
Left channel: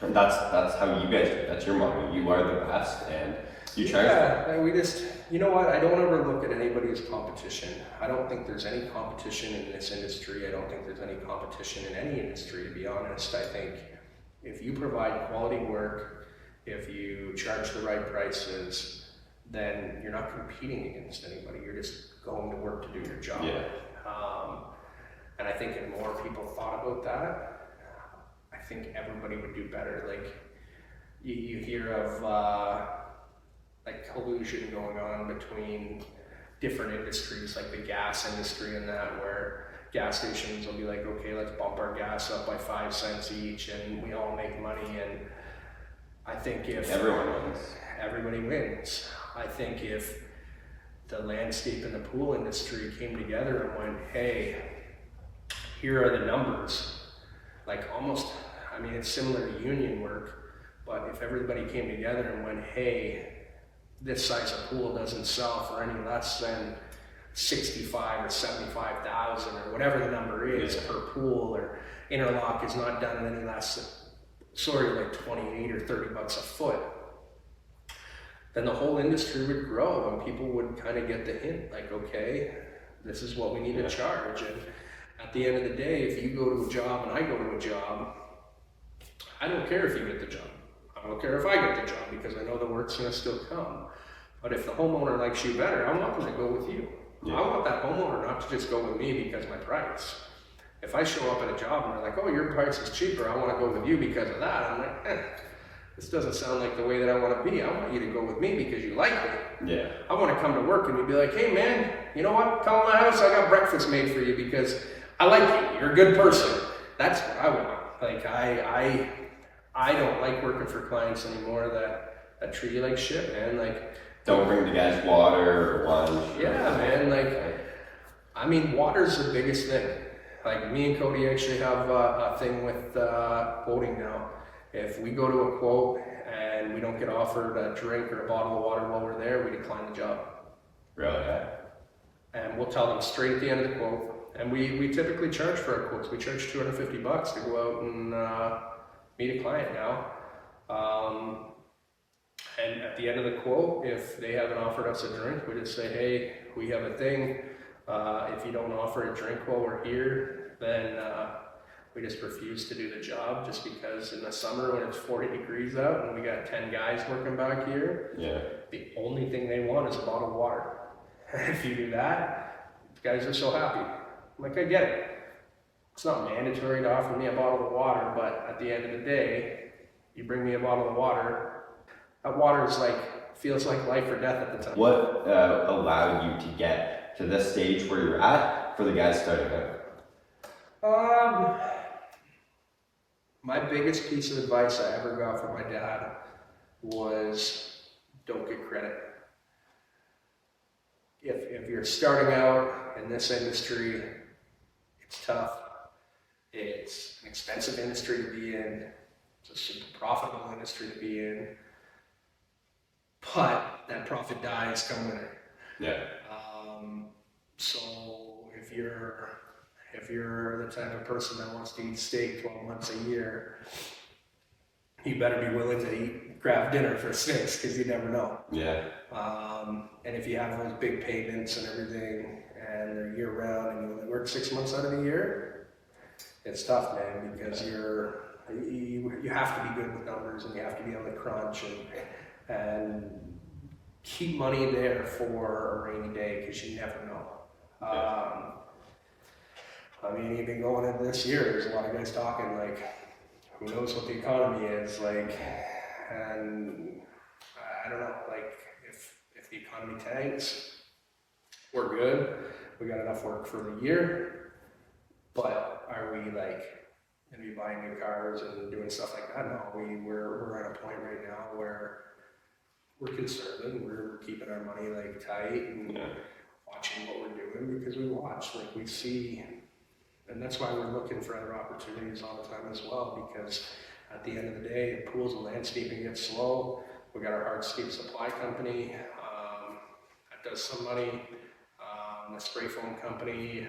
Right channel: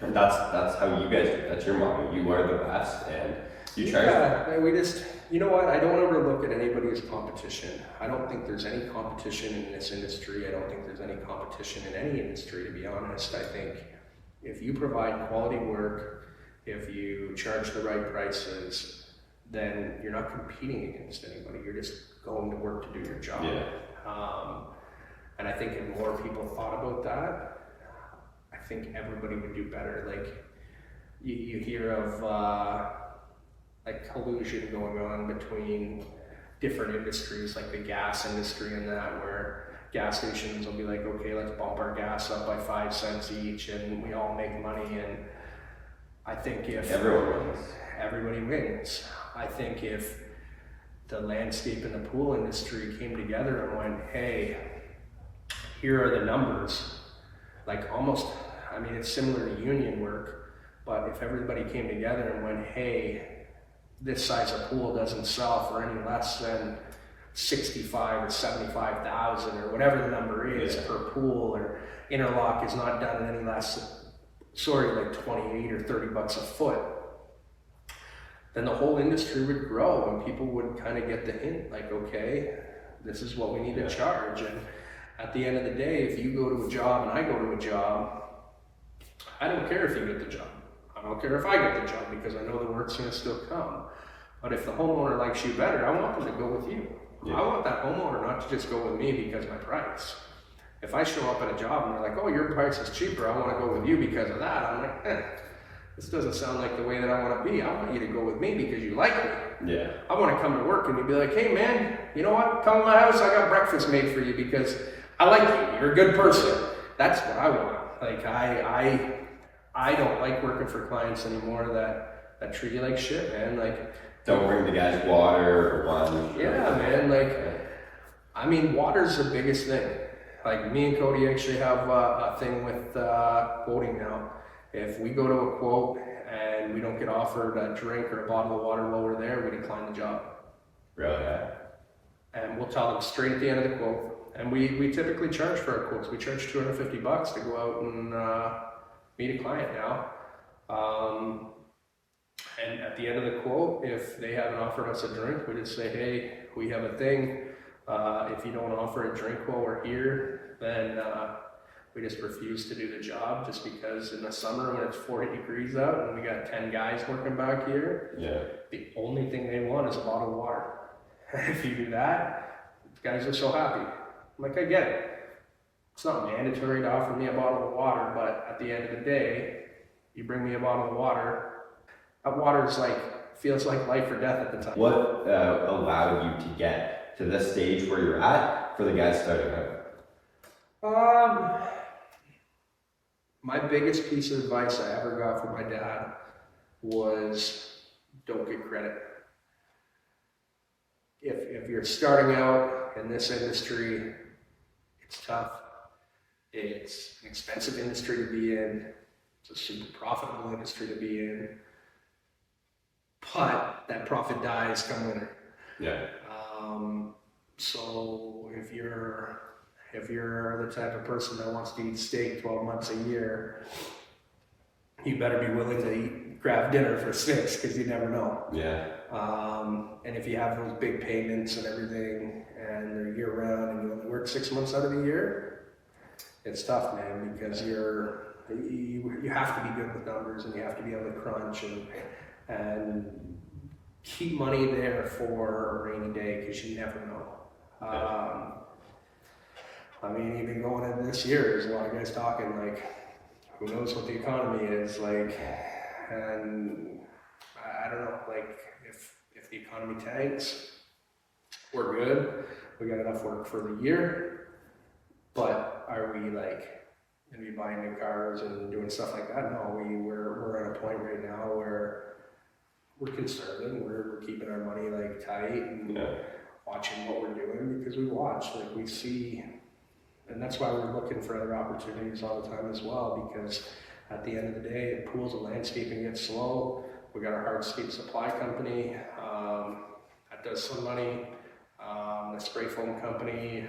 and that's how you guys do. That's your motto. You are the best, and You charge? Yeah, we just, you know what, I don't ever look at anybody as competition. I don't think there's any competition in this industry. I don't think there's any competition in any industry, to be honest. I think if you provide quality work, if you charge the right prices, then you're not competing against anybody. You're just going to work to do your job. Yeah. And I think if more people thought about that, I think everybody would do better. Like, you hear of like collusion going on between different industries, like the gas industry and that, where gas stations will be like, okay, let's bump our gas up by 5 cents each and we all make money. And I think if everyone wins, everybody wins. I think if the landscape and the pool industry came together and went, hey, here are the numbers, like almost, I mean, it's similar to union work, but if everybody came together and went, hey, this size of pool doesn't sell for any less than 65 or 75,000 or whatever the number is per pool, or interlock is not done any less, like 28 or 30 bucks a foot, then the whole industry would grow and people would kind of get the hint, like, okay, this is what we need to charge. And at the end of the day, if you go to a job and I go to a job, I don't care if you get the job. I don't care if I get the job, because I know the work's gonna still come. But if the homeowner likes you better, I want them to go with you. I want that homeowner not to just go with me because of my price. If I show up at a job and they're like, oh, your price is cheaper, I wanna go with you because of that, I'm like, this doesn't sound like the way that I wanna be. I want you to go with me because you like me. Yeah. I wanna come to work and you'd be like, hey man, you know what? Come to my house, I got breakfast made for you because I like you, you're a good person. That's what I want. Like, I don't like working for clients anymore that treat you like shit, man. Like, don't bring the guys water or lunch. Yeah, man. Like, I mean, water's the biggest thing. Like, me and Cody actually have a thing with quoting now. If we go to a quote and we don't get offered a drink or a bottle of water while we're there, we decline the job. Really? Yeah. And we'll tell them straight at the end of the quote. And we typically charge for our quotes. We charge 250 bucks to go out and meet a client now. And at the end of the quote, if they haven't offered us a drink, we just say, hey, we have a thing. If you don't offer a drink while we're here, then we just refuse to do the job, just because in the summer when it's 40 degrees out and we got 10 guys working back here, the only thing they want is a bottle of water. If you do that, guys are so happy. I'm like, I get it. It's not mandatory to offer me a bottle of water, but at the end of the day, you bring me a bottle of water, that water is like, feels like life or death at the time. What allowed you to get to this stage where you're at for the guys starting out? My biggest piece of advice I ever got from my dad was, don't get credit. If you're starting out in this industry, it's tough. It's an expensive industry to be in. It's a super profitable industry to be in. But that profit dies come winter. Yeah. So if you're the type of person that wants to eat steak 12 months a year, you better be willing to grab dinner for 6, because you never know. Yeah. And if you have those big payments and everything, and they're year round, and you only work 6 months out of the year, it's tough, man, because you have to be good with numbers, and you have to be able to crunch and keep money there for a rainy day, because you never know. I mean, even going into this year, there's a lot of guys talking like, who knows what the economy is like, and I don't know, like, if the economy tanks, we're good, we got enough work for the year, but are we like gonna be buying new cars and doing stuff like that? No, we're at a point right now where we're conserving, we're keeping our money like tight and watching what we're doing, because we watch, like, we see, and that's why we're looking for other opportunities all the time as well, because at the end of the day, if pools and landscaping get slow, we got our hardscape supply company that does some money, the spray foam company,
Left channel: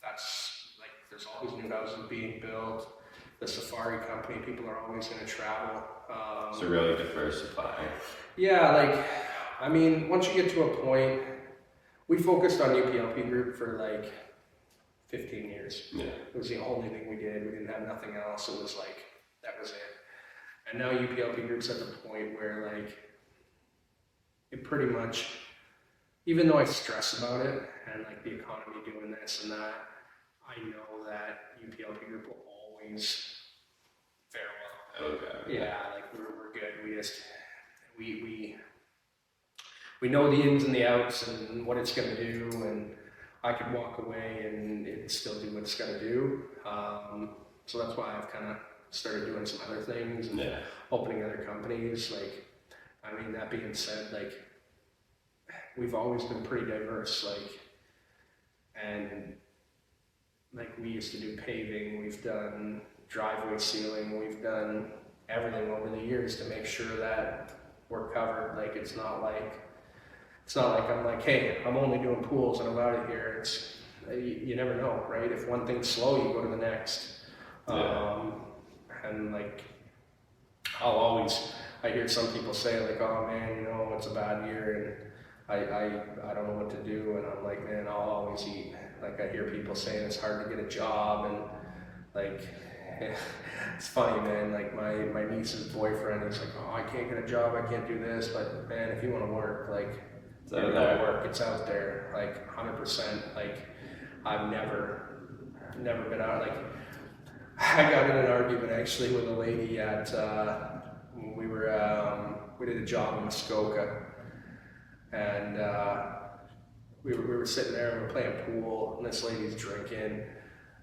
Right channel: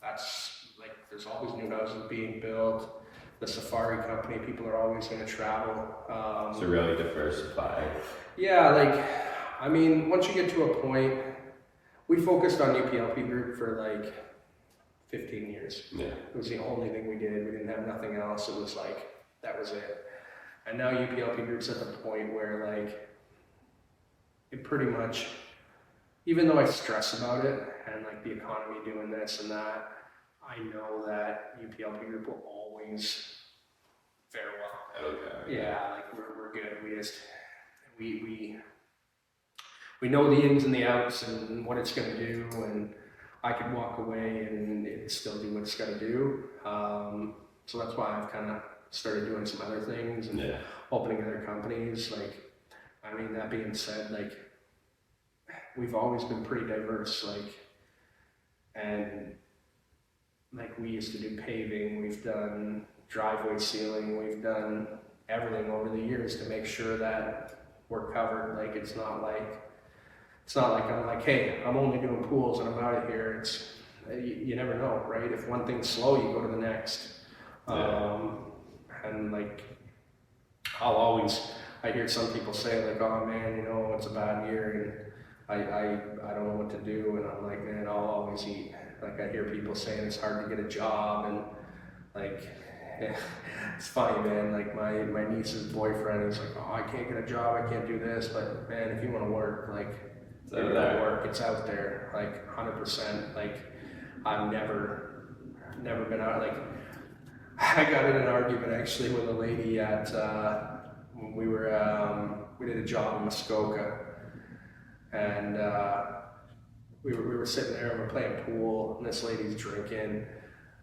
that's like, there's always new houses being built, the safari company, people are always going to travel. So really diversify. Yeah, like, I mean, once you get to a point, we focused on UPLP Group for like 15 years. Yeah. It was the only thing we did. We didn't have nothing else. It was like, that was it. And now UPLP Group's at the point where like, it pretty much, even though I stress about it and like the economy doing this and that, I know that UPLP Group will always fare well. Okay. Yeah, like we're good. We just, we know the ins and the outs and what it's going to do, and I could walk away and it still do what it's going to do. So that's why I've kind of started doing some other things and opening other companies. Like, I mean, that being said, like, we've always been pretty diverse, like, and like we used to do paving, we've done driveway sealing, we've done everything over the years to make sure that we're covered. Like, it's not like I'm like, hey, I'm only doing pools and I'm out of here. It's, you never know, right? If one thing's slow, you go to the next. And like, I hear some people say like, oh man, you know, it's a bad year and I don't know what to do. And I'm like, man, I'll always eat. Like, I hear people saying it's hard to get a job, and like, it's funny, man. Like my niece's boyfriend is like, oh, I can't get a job, I can't do this. But man, if you want to work, like, you're gonna work. It's out there, like 100%. Like, I've never been out. Like, I got in an argument actually with a lady at we did a job in Muskoka, and we were sitting there and we're playing pool, and this lady's drinking,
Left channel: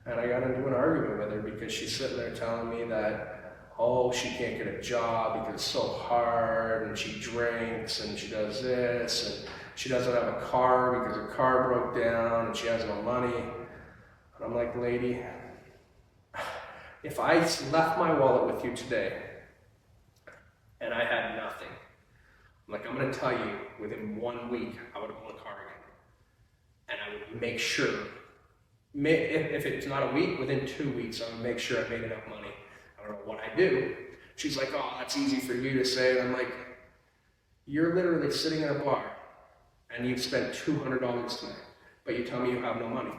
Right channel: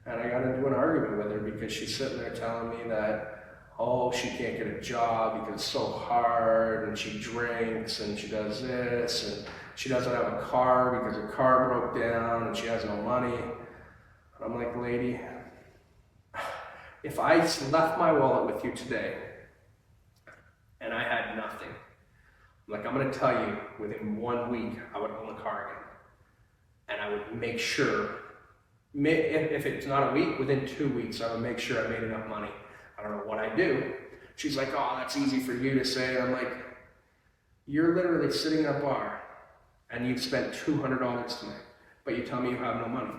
and I got into an argument with her because she's sitting there telling me that, oh, she can't get a job because it's so hard, and she drinks, and she does this, and she doesn't have a car because her car broke down, and she has no money. And I'm like, lady, if I left my wallet with you today, and I had nothing, I'm gonna tell you, within 1 week, I would own a car again. And I would make sure, if it's not a week, within 2 weeks, I would make sure I made enough money. I don't know what I do. She's like, oh, that's easy for you to say. And I'm like, you're literally sitting in a bar and you've spent $200 tonight, but you tell me you have no money.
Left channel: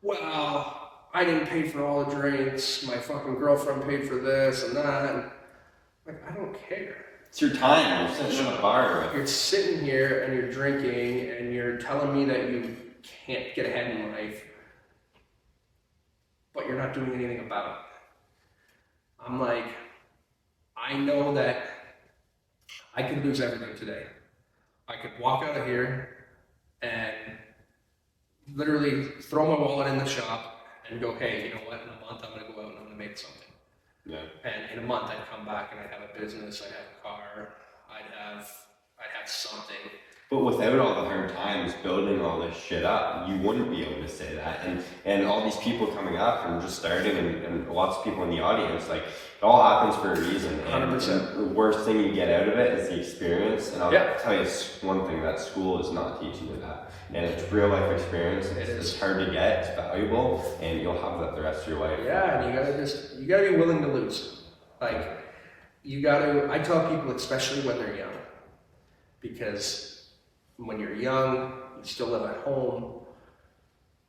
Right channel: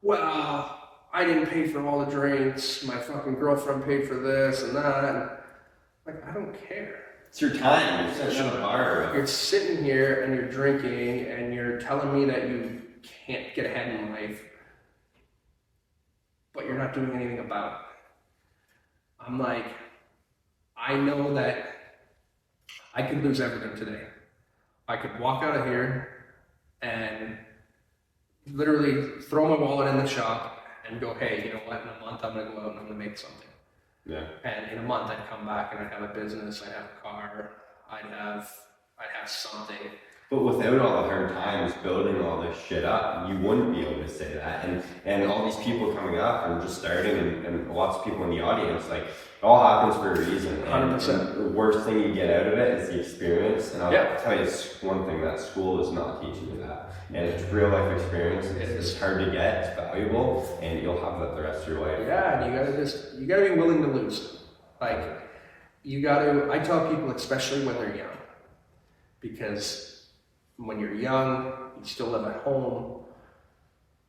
Well, I didn't pay for all the drinks. My fucking girlfriend paid for this and that. And like, I don't care. It's your time. You're sitting in a bar. You're sitting here and you're drinking and you're telling me that you can't get ahead in life, but you're not doing anything about it. I'm like, I know that I could lose everything today. I could walk out of here and literally throw my wallet in the shop and go, hey, you know what, in a month I'm gonna go out and I'm gonna make something. Yeah. And in a month I'd come back and I'd have a business, I'd have a car, I'd have something. But without all the hard times building all this shit up, you wouldn't be able to say that. And all these people coming up and just starting, and lots of people in the audience, like, it all happens for a reason. 100%. And the worst thing you get out of it is the experience. And I'll tell you, it's one thing that school is not teaching you that. And it's real life experience. It's hard to get, it's valuable, and you'll have that the rest of your life. Yeah, and you gotta be willing to lose. Like, I tell people, especially when they're young, because when you're young, you still live at home.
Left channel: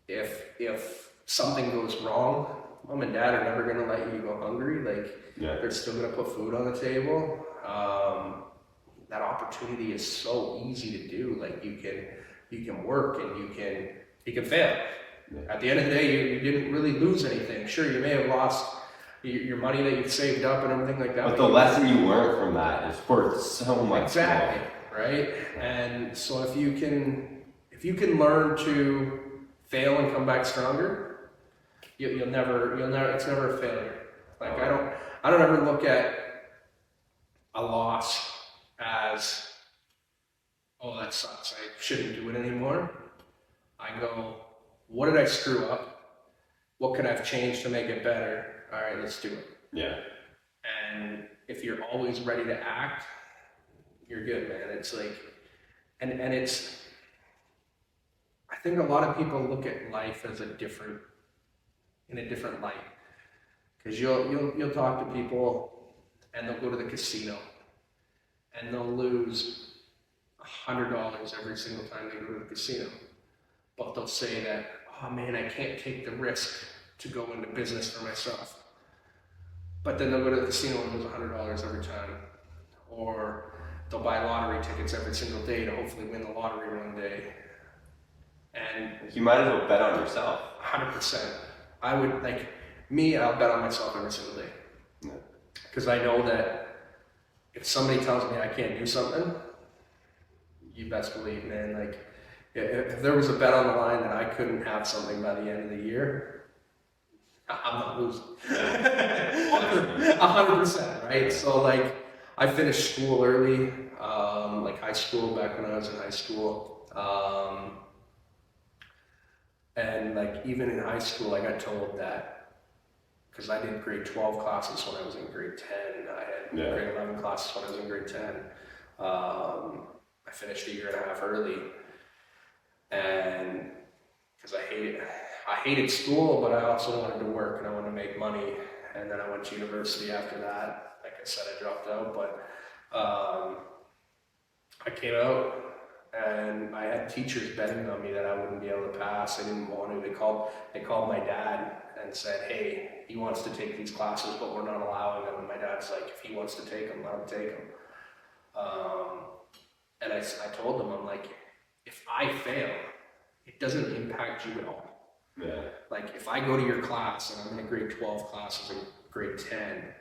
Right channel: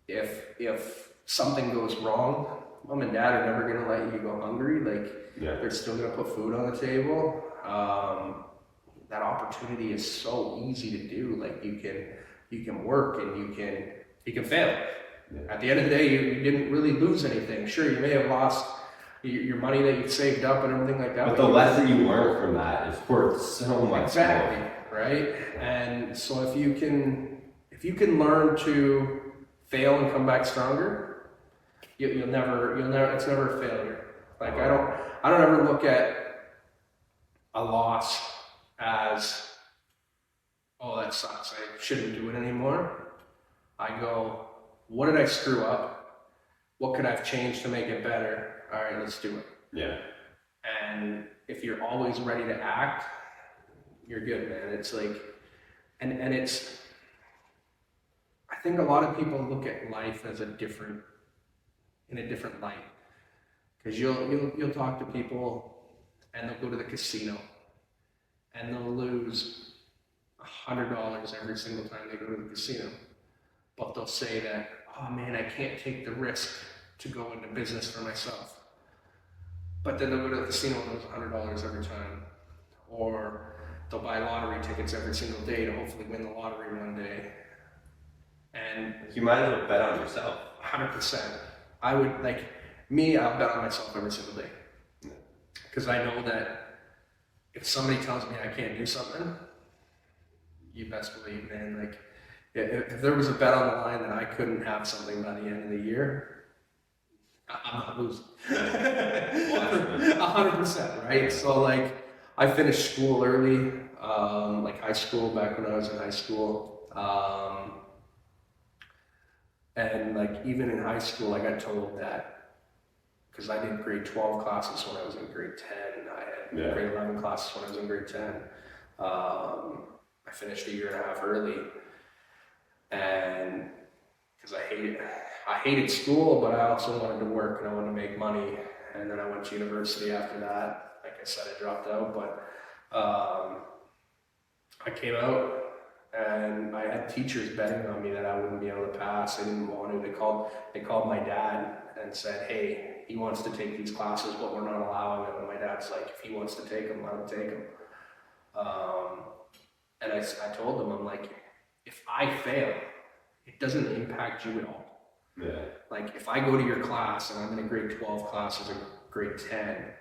If something goes wrong, mom and dad are never gonna let you go hungry. Like, they're still gonna put food on the table. That opportunity is so easy to do. Like, you can work and you can fail. At the end of the day, you didn't really lose anything. Sure, you may have lost your money that you've saved up and everything like that. But the lesson you learned from that is worth so much. Exactly. More. Right? And so if you can learn to fail and come back stronger, you'll never, it's never a failure. Like, I don't ever look at a loss as, oh, that sucks, I shouldn't do it anymore. I go, what did I screw up? What could I have changed to make it better? All right, let's do it. Yeah. And if you're always ready to act, you're good, man. It's like, and it's, I think a lot of people look at life as in a different light. Because you'll talk to people and they'll go to the casino and they'll lose $100 every single time they go to the casino. But they'll say that, oh man, I can't take the risk to go into business for myself. But then they'll go to the casino and lose $100 every time. Or they'll buy lottery tickets every single day to hopefully win the lottery one day. And you might as well bet on yourself. 100%. I would, like, me, I'll bet on myself every single day. Because I know that if somebody tells me I can't do something, you best believe, man, like, if there was a bet on the line that I couldn't have something by the end of the year, I'm not losing. 100%, right? So, like, I finished school early, like high school, back when I was in high school. And, like, even in high school, I got told that, because I did grade 12 classes when I was in grade 10. I had grade 11 classes when I was in grade 10. I finished a year and a half early. And because I hated school, but I also wanted to work and I wanted to make money. And then I went to university after that. Like I said, I dropped out, but I came out and I had teachers betting on me that I wouldn't be able to pass. They didn't want to. They called my dad and said, hey, he wants to take these classes, but we're not allowing them. And my dad's like, if he wants to take them, let him take them. And I told them, I'm like, if I fail, it doesn't impact you at all. Yeah. Like, if I go to your class and I'm in a grade 12 class or grade 10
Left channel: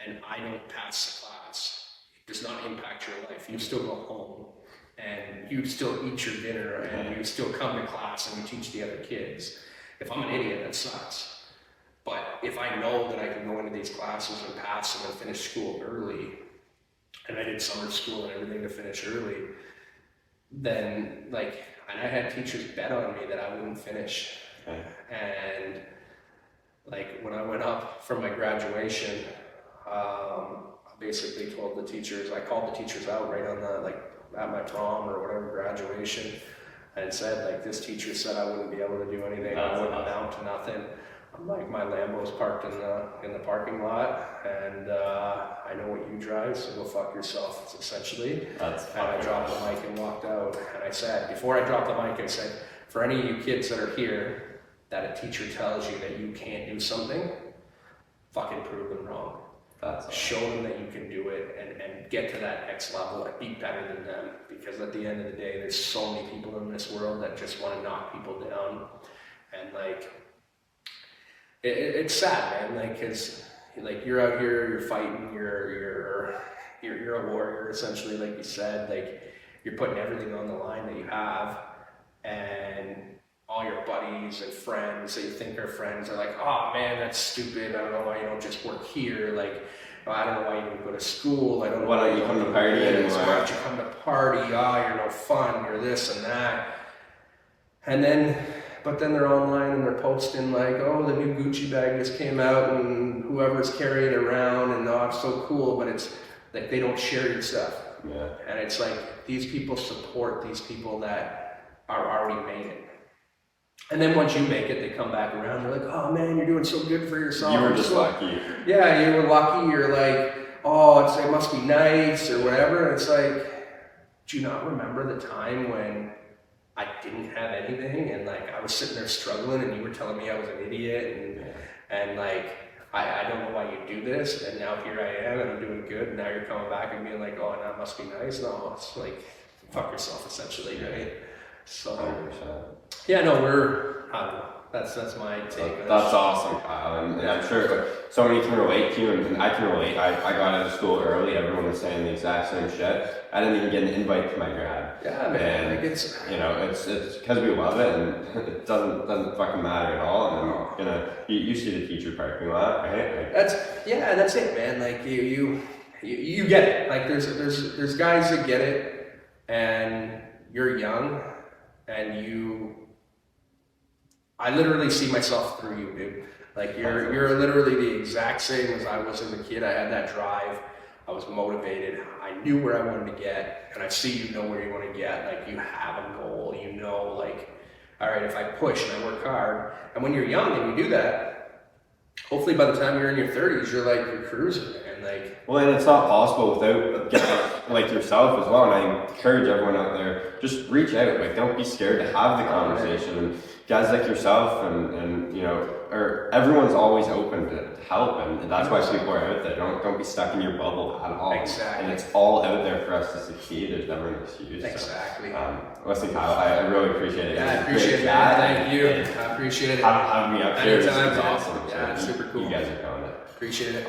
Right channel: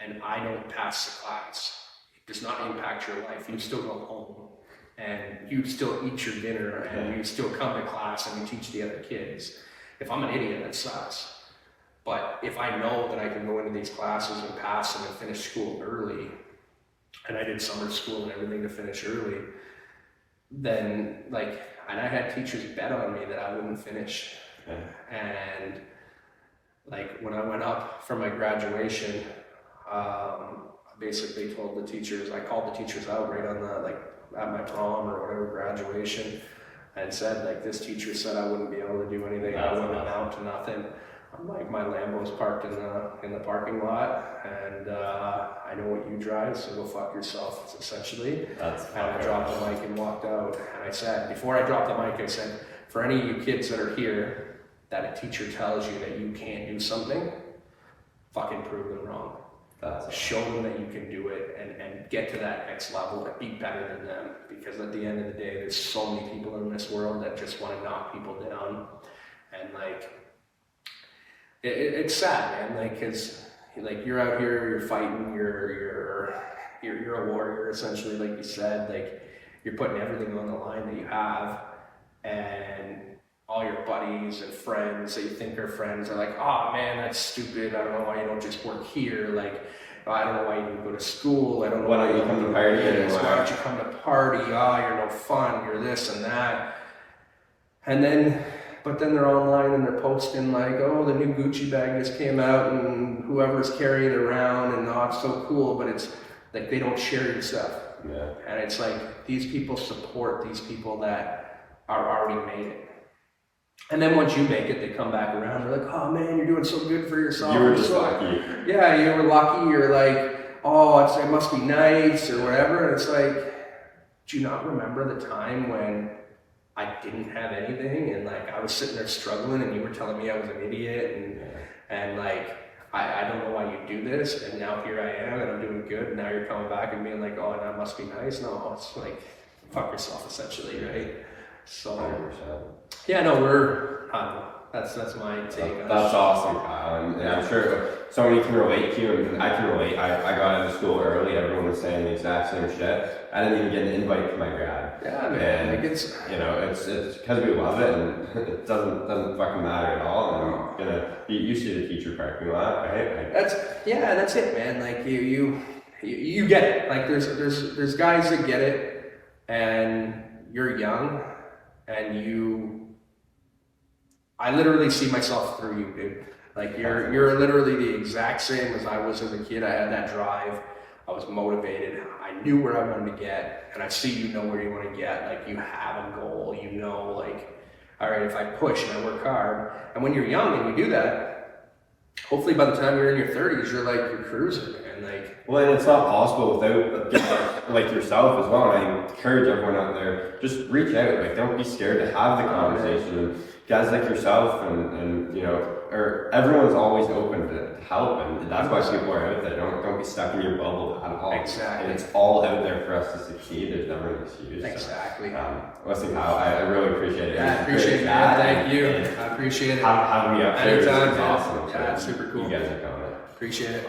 and I don't pass the class, it does not impact your life. You still go home and you still eat your dinner and you still come to class and you teach the other kids. If I'm an idiot, that sucks. But if I know that I can go into these classes and pass them and finish school early, and I did summer school and everything to finish early, then, like, and I had teachers bet on me that I wouldn't finish. Okay. And, like, when I went up for my graduation, I basically told the teachers, I called the teachers out right on the, like, at my prom or whatever graduation, and said, like, this teacher said I wouldn't be able to do anything. I wouldn't amount to nothing. I'm like, my Lambo's parked in the parking lot, and I know what you drive, so go fuck yourself, essentially. And I dropped the mic and walked out. And I said, before I dropped the mic, I said, for any of you kids that are here, that a teacher tells you that you can't do something, fucking prove them wrong. Show them that you can do it and get to that next level and be better than them. Because at the end of the day, there's so many people in this world that just want to knock people down. And, like, it's sad, man. Like, cause, like, you're out here, you're fighting, you're a warrior, essentially, like you said. Like, you're putting everything on the line that you have, and all your buddies and friends that you think are friends are like, oh man, that's stupid. I don't know why you don't just work here. Like, I don't know why you didn't go to school. I don't know why you don't come to party. Why don't you come to party? Oh, you're no fun. You're this and that. But then they're online and they're posting like, oh, the new Gucci bag just came out and whoever's carrying it around and oh, it's so cool. But it's like they don't share your stuff. Yeah. And it's like these people support these people that are already made it. And then once you make it, they come back around. They're like, oh man, you're doing so good for yourself. You were just lucky. Yeah, you were lucky. You're like, oh, it must be nice or whatever. And it's like, do you not remember the time when I didn't have anything and like I was sitting there struggling and you were telling me I was an idiot and like I don't know why you do this, and now here I am and I'm doing good, and now you're coming back and being like, oh, that must be nice. No, it's like fuck yourself, essentially, right? So 100%. Yeah, no, I don't know. That's my take. That's awesome, Kyle, and I'm sure so many can relate to you, and I can relate. I got out of school early. Everyone was saying the exact same shit. I didn't even get an invite to my grad. Yeah, man. And, it's because we love it, and it doesn't fucking matter at all. And you see the teacher parking lot, right? Like, that's it, man. Like you get it. Like there's guys that get it, and you're young, and I literally see myself through you, dude. Like you're literally the exact same as I was as a kid. I had that drive. I was motivated. I knew where I wanted to get, and I see you know where you want to get. Like you have a goal. You know, like, all right, if I push and I work hard, and when you're young and you do that, hopefully by the time you're in your 30s, you're cruising, man. Like, well, and it's not possible without getting like yourself as well, and I encourage everyone out there, just reach out. Like, don't be scared to have the conversation. And guys like yourself and you know, or everyone's always open to help, and that's why people are out there. Don't be stuck in your bubble at all. Exactly. And it's all out there for us to succeed. There's never an excuse. Exactly. So, listen, Kyle, I really appreciate it. Yeah, I appreciate it, man. Thank you. I appreciate it. Having me up here is Anytime. awesome. Yeah, So super cool. You guys are killing it. Appreciate it.